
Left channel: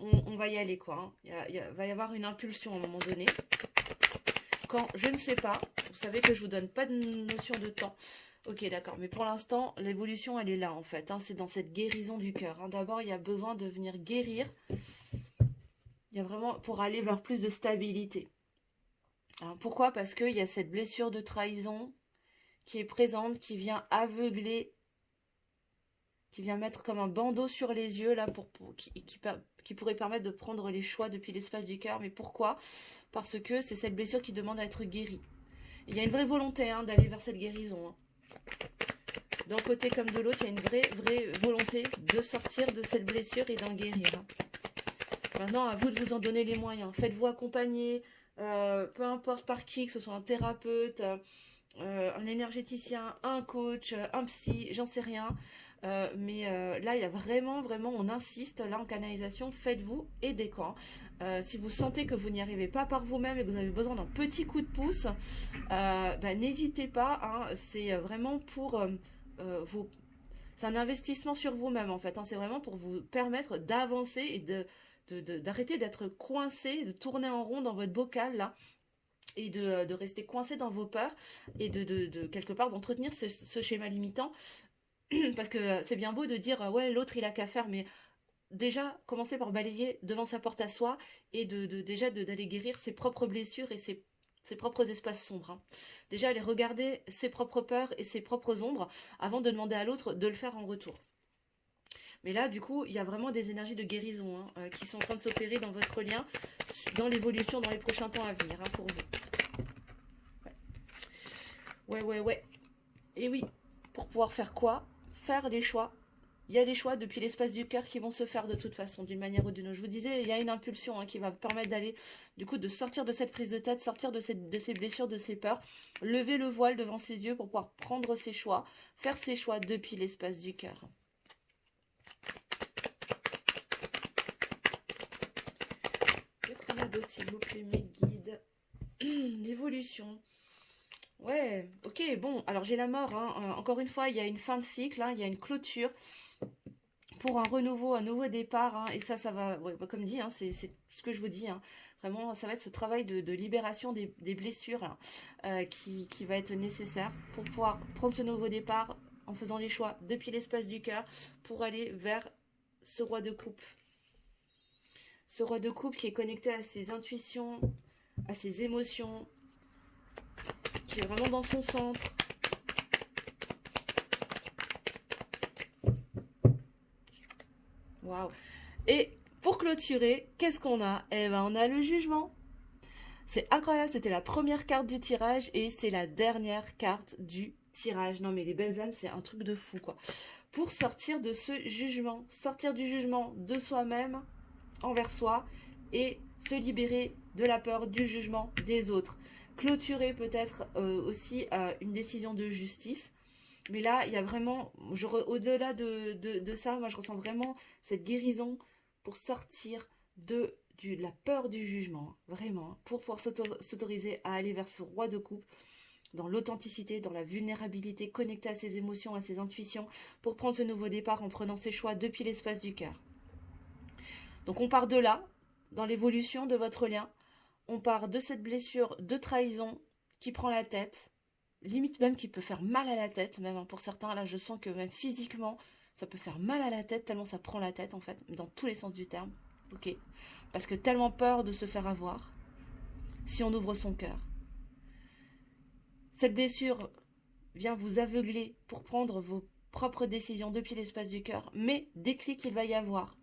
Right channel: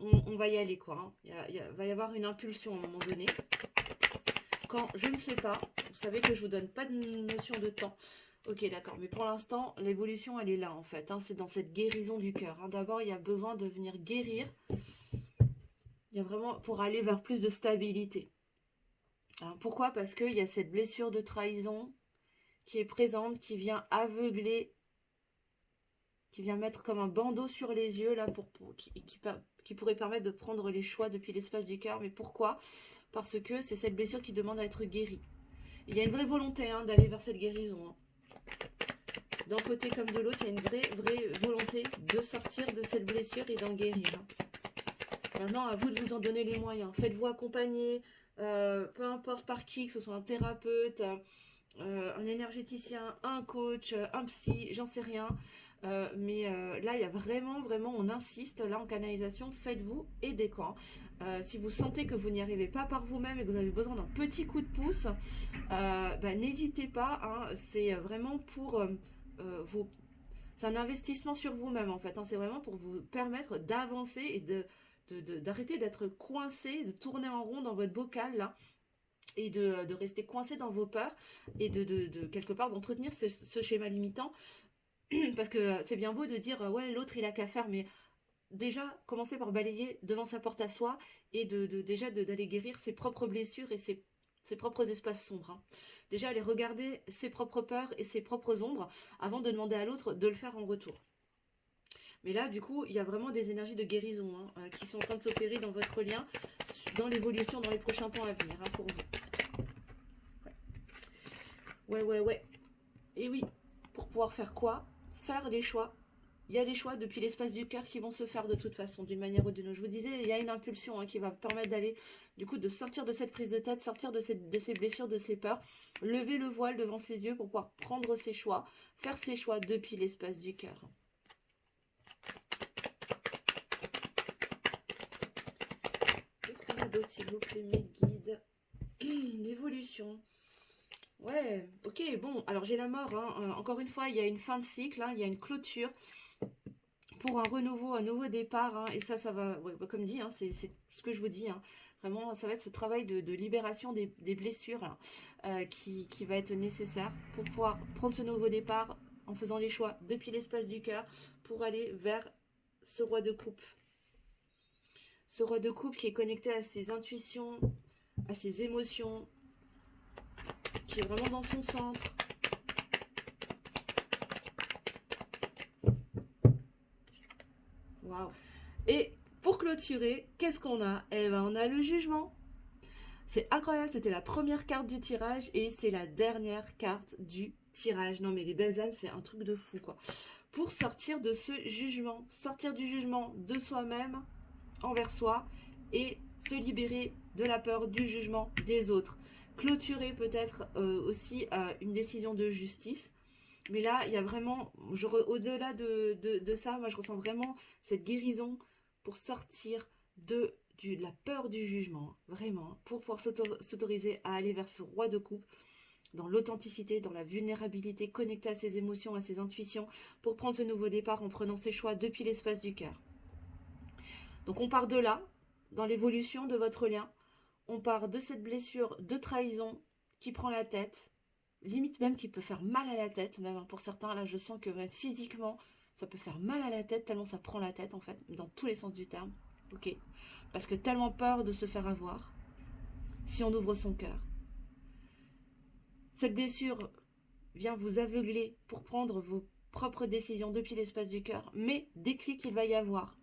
on va y aller, quoi. Hein. Il va y avoir une impulsion à un moment donné. Quand je ne sais pas, vous savez que je vous donne pas de notion de temps. Ok, d'accord, mais pour l'instant, l'évolution, elle est là, en fait. Hein. C'est dans cette guérison du cœur. Hein. D'abord, il y a besoin de venir guérir. Il y a vraiment pour aller vers plus de stabilité. Alors, pourquoi? Parce qu'il y a cette blessure de trahison qui est présente, qui vient aveugler, qui vient mettre comme un bandeau sur les yeux, là, qui pourrait permettre de prendre les choix depuis l'espace du cœur. Mais pourquoi? Parce que c'est cette blessure qui demande à être guérie. Il y a une vraie volonté hein, d'aller vers cette guérison. Hein. D'un côté comme de l'autre, il y a une vraie volonté de sortir de cette blessure et d'en guérir. Hein. Maintenant, à vous de vous en donner les moyens. Faites-vous accompagner, peu importe par qui, que ce soit un thérapeute, un énergéticien, un coach, un psy, j'en sais rien. Mais là, il y a vraiment, on insiste, là en canalisation, faites-vous aider quoi. Si vous sentez que vous n'y arrivez pas par vous-même et que vous avez besoin d'un petit coup de pouce, n'hésitez pas. Hein, c'est vraiment pour vos... C'est un investissement sur vous-même en fait. Hein, c'est vraiment pour vous permettre d'avancer et d'arrêter d'être coincé, de tourner en rond dans votre bocal là. Et de rester coincé dans vos peurs et de quelque part d'entretenir ce schéma limitant. Parce que c'est bien beau de dire ouais l'autre il a qu'à faire, mais déjà commencer par balayer devant sa porte à soi et d'aller guérir ses propres blessures et ses propres espaces sombres. Hein. Déjà aller regarder ses propres peurs et ses propres ombres avant de demander à l'autre de le faire en retour. Mais là du coup il y a vraiment des énergies de guérison hein, qui sont en train de s'opérer dans votre lien, dans l'évolution dans les prochains temps à venir hein, pour vous. Ouais. Et oui, pour pouvoir faire quoi? Faire des choix. Il y a des choix depuis l'espace du cœur qui vont se faire de toute façon, d'une manière ou d'une autre. Je vous disais, il y a une impulsion hein, qui va permettre d'aller, du coup, de sortir de cette prise de tête, sortir de ces blessures, de ces peurs, lever le voile devant ses yeux pour pouvoir prendre ses choix, faire ses choix depuis l'espace du cœur. Qu'est-ce qu'on a d'autre, s'il vous plaît, mes guides? L'évolution. Ouais, ok, bon, alors j'ai la mort, hein. Encore une fois, il y a une fin de cycle, hein, il y a une clôture pour un renouveau, un nouveau départ, hein, et ça va, ouais, comme dit, hein, c'est ce que je vous dis, hein, vraiment, ça va être ce travail de libération des blessures hein, qui va être nécessaire pour pouvoir prendre ce nouveau départ en faisant les choix depuis l'espace du cœur pour aller vers ce roi de coupe. Ce roi de coupe qui est connecté à ses intuitions, à ses émotions, qui est vraiment dans son centre, Waouh. Et pour clôturer, qu'est-ce qu'on a? Eh ben, on a le jugement. C'est incroyable, c'était la première carte du tirage et c'est la dernière carte du tirage. Non mais les belles âmes, c'est un truc de fou quoi. Pour sortir de ce jugement, sortir du jugement de soi-même envers soi et se libérer de la peur du jugement des autres. Clôturer peut-être aussi une décision de justice. Mais là, il y a vraiment, au-delà de ça, moi je ressens vraiment cette guérison pour sortir de la peur du jugement, vraiment, pour pouvoir s'autoriser à aller vers ce roi de coupe, dans l'authenticité, dans la vulnérabilité, connecté à ses émotions, à ses intuitions, pour prendre ce nouveau départ en prenant ses choix depuis l'espace du cœur. Donc on part de là, dans l'évolution de votre lien, on part de cette blessure de trahison qui prend la tête, limite même qui peut faire mal à la tête, même pour certains, là je sens que même physiquement, ça peut faire mal à la tête, tellement ça prend la tête en fait, dans tous les sens du terme, ok. Parce que tellement peur de se faire avoir, si on ouvre son cœur. Cette blessure vient vous aveugler pour prendre vos propres décisions depuis l'espace du cœur, mais déclic il va y avoir.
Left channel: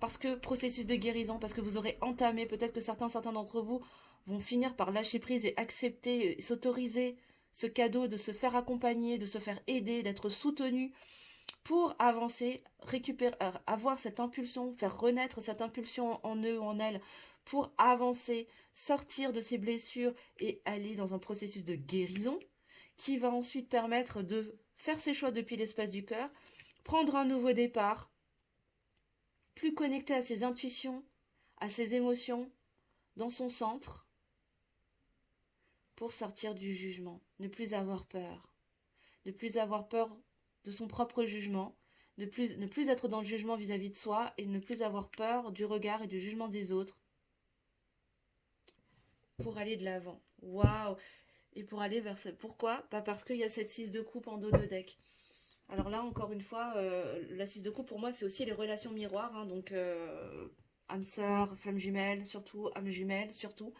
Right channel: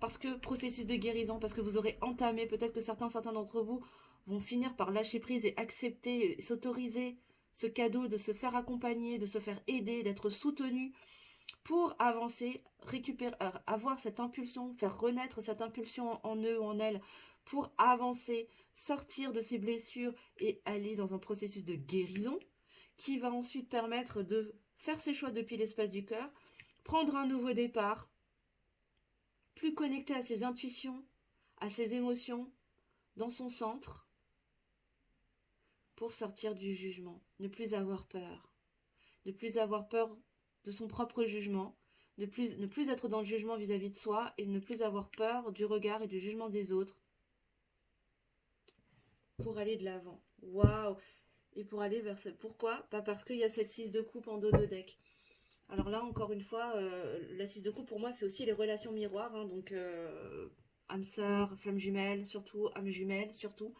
Parce que processus de guérison, parce que vous aurez entamé, peut-être que certains d'entre vous vont finir par lâcher prise et accepter, s'autoriser ce cadeau de se faire accompagner, de se faire aider, d'être soutenu pour avancer, récupérer, avoir cette impulsion, faire renaître cette impulsion en eux ou en elles, pour avancer, sortir de ces blessures et aller dans un processus de guérison qui va ensuite permettre de faire ses choix depuis l'espace du cœur, prendre un nouveau départ, plus connecté à ses intuitions, à ses émotions, dans son centre, pour sortir du jugement, ne plus avoir peur de son propre jugement, ne plus être dans le jugement vis-à-vis de soi et ne plus avoir peur du regard et du jugement des autres pour aller de l'avant. Waouh! Et pour aller vers ça. Pourquoi? Pas parce qu'il y a cette 6 de coupe en dos de deck. Alors là, encore une fois, la 6 de coupe, pour moi, c'est aussi les relations miroirs. Hein, donc, âme sœur, flamme jumelle, surtout, âme jumelle, surtout.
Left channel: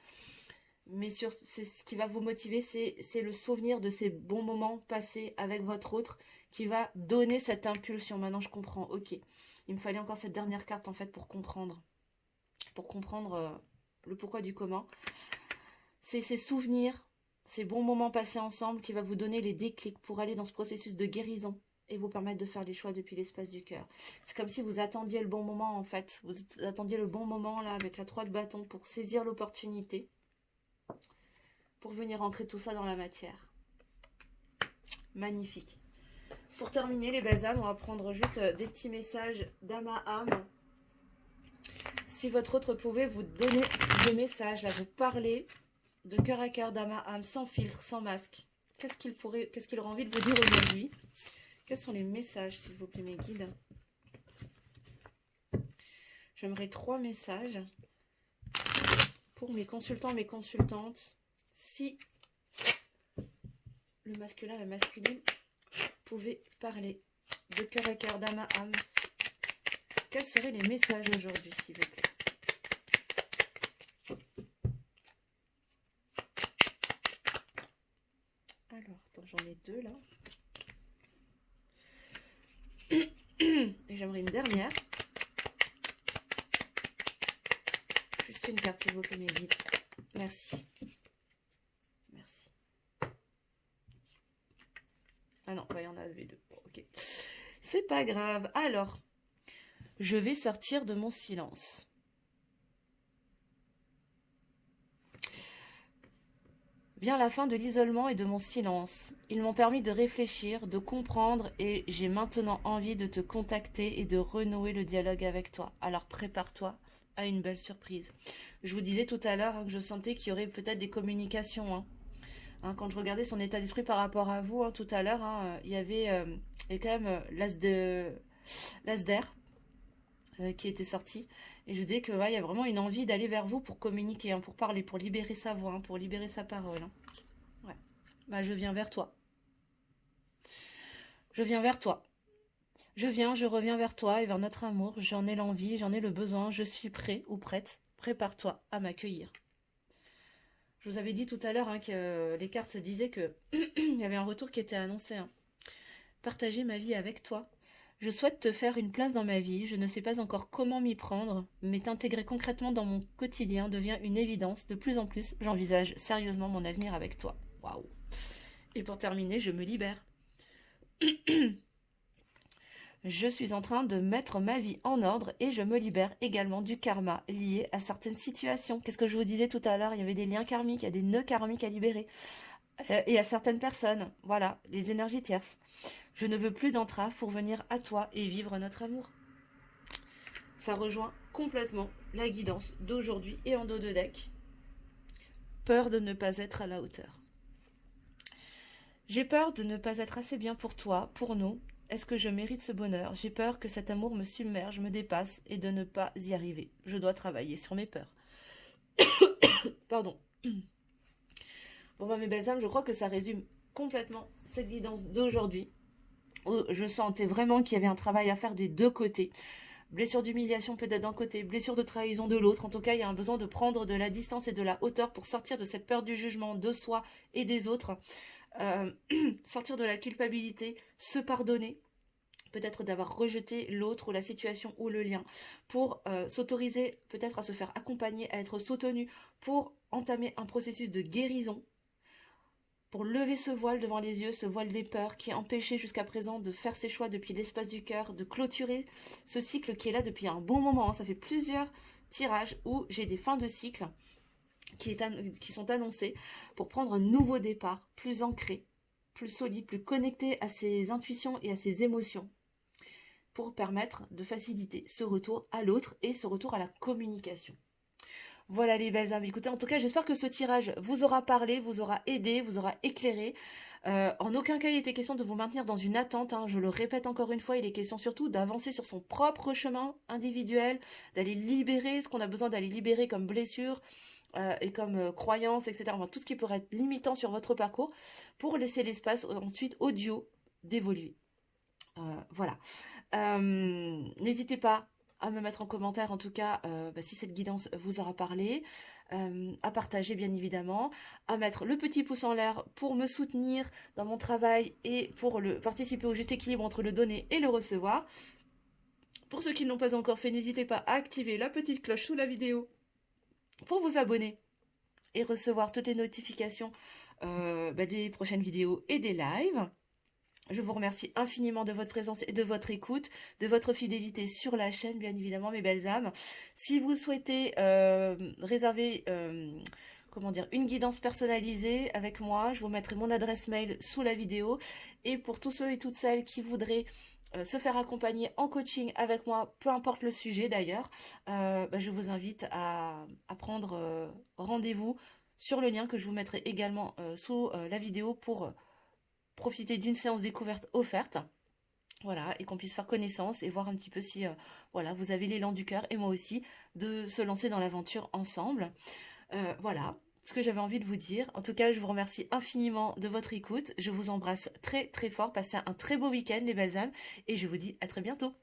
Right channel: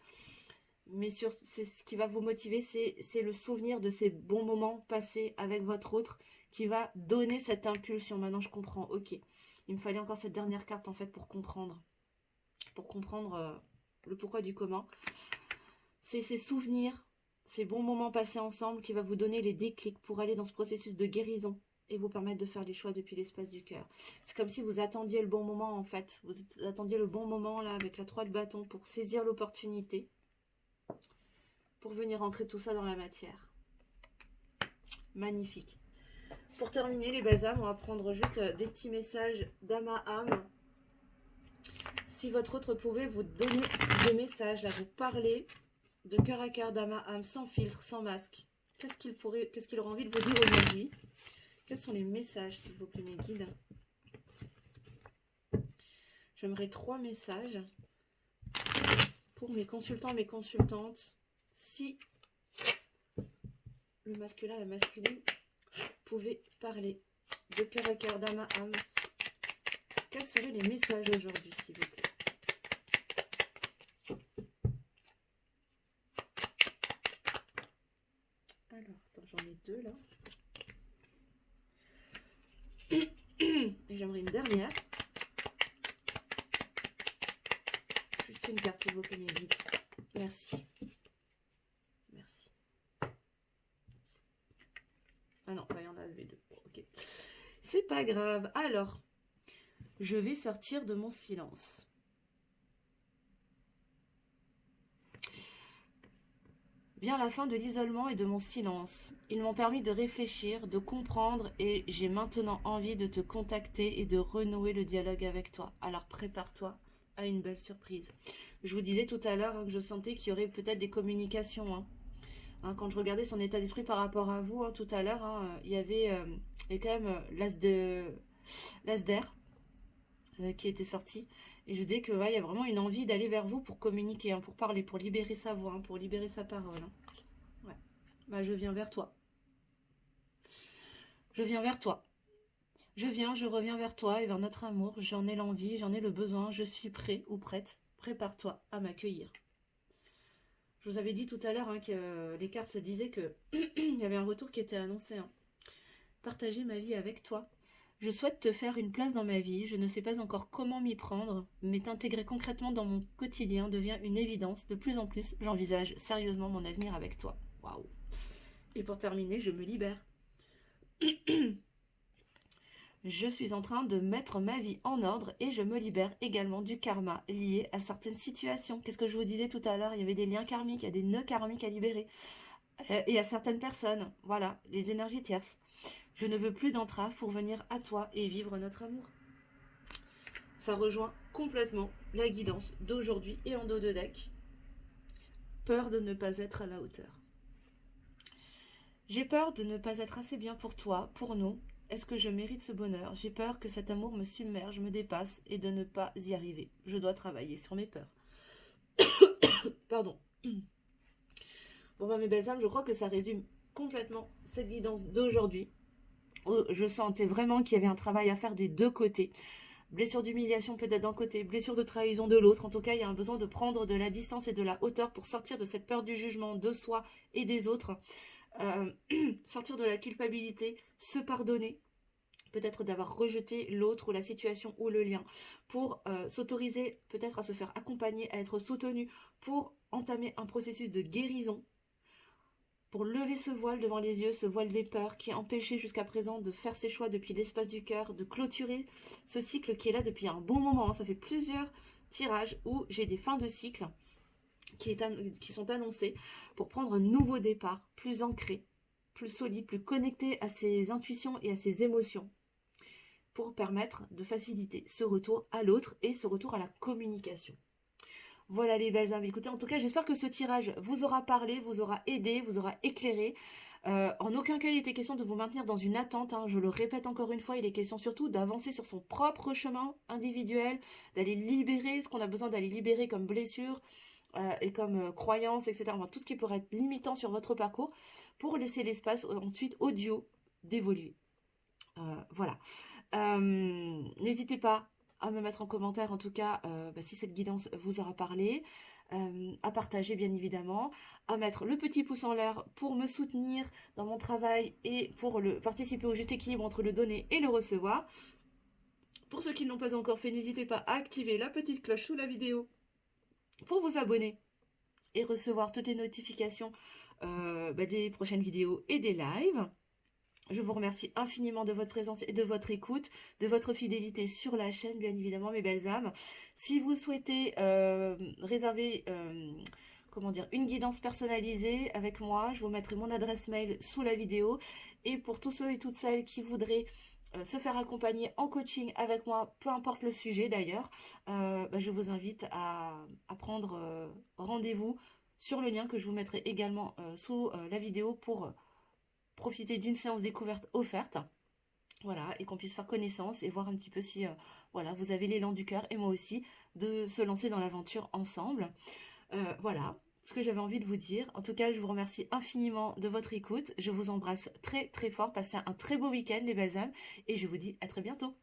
Mais c'est ce qui va vous motiver, c'est le souvenir de ces bons moments passés avec votre autre qui va donner cette impulsion. Maintenant, je comprends. Ok. Il me fallait encore cette dernière carte, en fait, pour comprendre. Le pourquoi du comment. C'est ces souvenirs, ces bons moments passés ensemble qui va vous donner les déclics pour aller dans ce processus de guérison et vous permettre de faire des choix depuis l'espace du cœur. C'est comme si vous attendiez le bon moment, en fait. Vous attendiez le bon moment, là, avec la 3 de bâton, pour saisir l'opportunité, pour venir entrer tout ça dans la matière. Magnifique. Pour terminer, les belles âmes, on va prendre juste des petits messages d'âme à âme. Si votre autre pouvait vous donner des messages, là, vous parler de cœur à cœur, d'âme à âme, sans filtre, sans masque. Qu'est-ce qu'il aurait envie de vous dire aujourd'hui? Quels sont les messages, s'il vous plaît, mes guides? J'aimerais 3 messages pour mes consultants, mes consultantes. Si le masculin et la masculine pouvaient parler de cœur à cœur, d'âme à âme, quels seraient les messages aujourd'hui, s'il vous plaît? Alors, attends, j'en ai 2 là. Et j'aimerais une dernière. Juste une carte, s'il vous plaît, mes guides. Merci. Merci. Ah non, il y en avait 2. Ok. C'est pas grave. Alors, je vais sortir de mon silence. Vient la fin de l'isolement et de mon silence. Ils m'ont permis de réfléchir, de comprendre et j'ai maintenant envie de te contacter et de renouer le dialogue avec toi. Alors prépare-toi à une belle surprise. Je vous disais tout à l'heure que je sentais qu'il y aurait peut-être des communications. Quand je regardais son état d'esprit par rapport à vous, tout à l'heure, il y avait quand même l'as d'air qui était sorti. Et je dis que il y a vraiment une envie d'aller vers vous pour communiquer, pour parler, pour libérer sa voix, pour libérer sa parole. Ouais. Bah, je viens vers toi. Je viens vers toi. Je reviens vers toi et vers notre amour. J'en ai l'envie, j'en ai le besoin. Je suis prêt ou prête. Prépare-toi à m'accueillir. Je vous avais dit tout à l'heure que les cartes disaient que il y avait un retour qui était annoncé. Partager ma vie avec toi. Je souhaite te faire une place dans ma vie. Je ne sais pas encore comment m'y prendre, mais t'intégrer concrètement dans mon quotidien devient une évidence. De plus en plus, j'envisage sérieusement mon avenir avec toi. Waouh. Et pour terminer, je me libère. Je suis en train de mettre ma vie en ordre et je me libère également du karma lié à certaines situations. Qu'est-ce que je vous disais tout à l'heure? Il y avait des liens karmiques, il y a des nœuds karmiques à libérer. Et à certaines personnes, voilà, les énergies tierces. Je ne veux plus d'entrave pour venir à toi et vivre notre amour. Ça rejoint complètement la guidance d'aujourd'hui et en dos de deck. Peur de ne pas être à la hauteur. J'ai peur de ne pas être assez bien pour toi, pour nous. Est-ce que je mérite ce bonheur? J'ai peur que cet amour me submerge, me dépasse et de ne pas y arriver. Je dois travailler sur mes peurs. Pardon. Bon, mes belles âmes, je crois que ça résume complètement cette guidance d'aujourd'hui. Je sentais vraiment qu'il y avait un travail à faire des deux côtés. Blessure d'humiliation peut-être d'un côté, blessure de trahison de l'autre. En tout cas, il y a un besoin de prendre de la distance et de la hauteur pour sortir de cette peur du jugement de soi et des autres. Sortir de la culpabilité, se pardonner. Peut-être d'avoir rejeté l'autre ou la situation ou le lien. Pour s'autoriser peut-être à se faire accompagner, à être soutenu. Pour entamer un processus de guérison. Pour lever ce voile devant les yeux, ce voile des peurs qui empêchait jusqu'à présent de faire ses choix depuis l'espace du cœur, de clôturer ce cycle qui est là depuis un bon moment. Ça fait plusieurs tirages où j'ai des fins de cycle qui sont annoncées pour prendre un nouveau départ, plus ancré, plus solide, plus connecté à ses intuitions et à ses émotions, pour permettre de faciliter ce retour à l'autre et ce retour à la communication. Voilà les belles âmes. Écoutez, en tout cas, j'espère que ce tirage vous aura parlé, vous aura aidé, vous aura éclairé. En aucun cas, il était question de vous maintenir dans une attente. Je le répète encore une fois, il est question surtout d'avancer sur son propre chemin individuel, d'aller libérer ce qu'on a besoin d'aller libérer comme blessure et comme croyance, etc. Enfin, tout ce qui pourrait être limitant sur votre parcours pour laisser l'espace ensuite au duo d'évoluer. Voilà. N'hésitez pas à me mettre en commentaire en tout cas si cette guidance vous aura parlé, à partager bien évidemment, à mettre le petit pouce en l'air pour me soutenir dans mon travail et pour participer au juste équilibre entre le donner et le recevoir. Pour ceux qui ne l'ont pas encore fait, n'hésitez pas à activer la petite cloche sous la vidéo pour vous abonner et recevoir toutes les notifications des prochaines vidéos et des lives. Je vous remercie infiniment de votre présence et de votre écoute, de votre fidélité sur la chaîne, bien évidemment, mes belles âmes. Si vous souhaitez réserver une guidance personnalisée avec moi, je vous mettrai mon adresse mail sous la vidéo. Et pour tous ceux et toutes celles qui voudraient se faire accompagner en coaching avec moi, peu importe le sujet d'ailleurs, je vous invite à prendre rendez-vous sur le lien que je vous mettrai également sous la vidéo pour profiter d'une séance découverte offerte, voilà, et qu'on puisse faire connaissance et voir un petit peu si vous avez l'élan du cœur et moi aussi de se lancer dans l'aventure ensemble. Voilà ce que j'avais envie de vous dire. En tout cas, je vous remercie infiniment de votre écoute. Je vous embrasse très très fort. Passez un très beau week-end les belles âmes et je vous dis à très bientôt.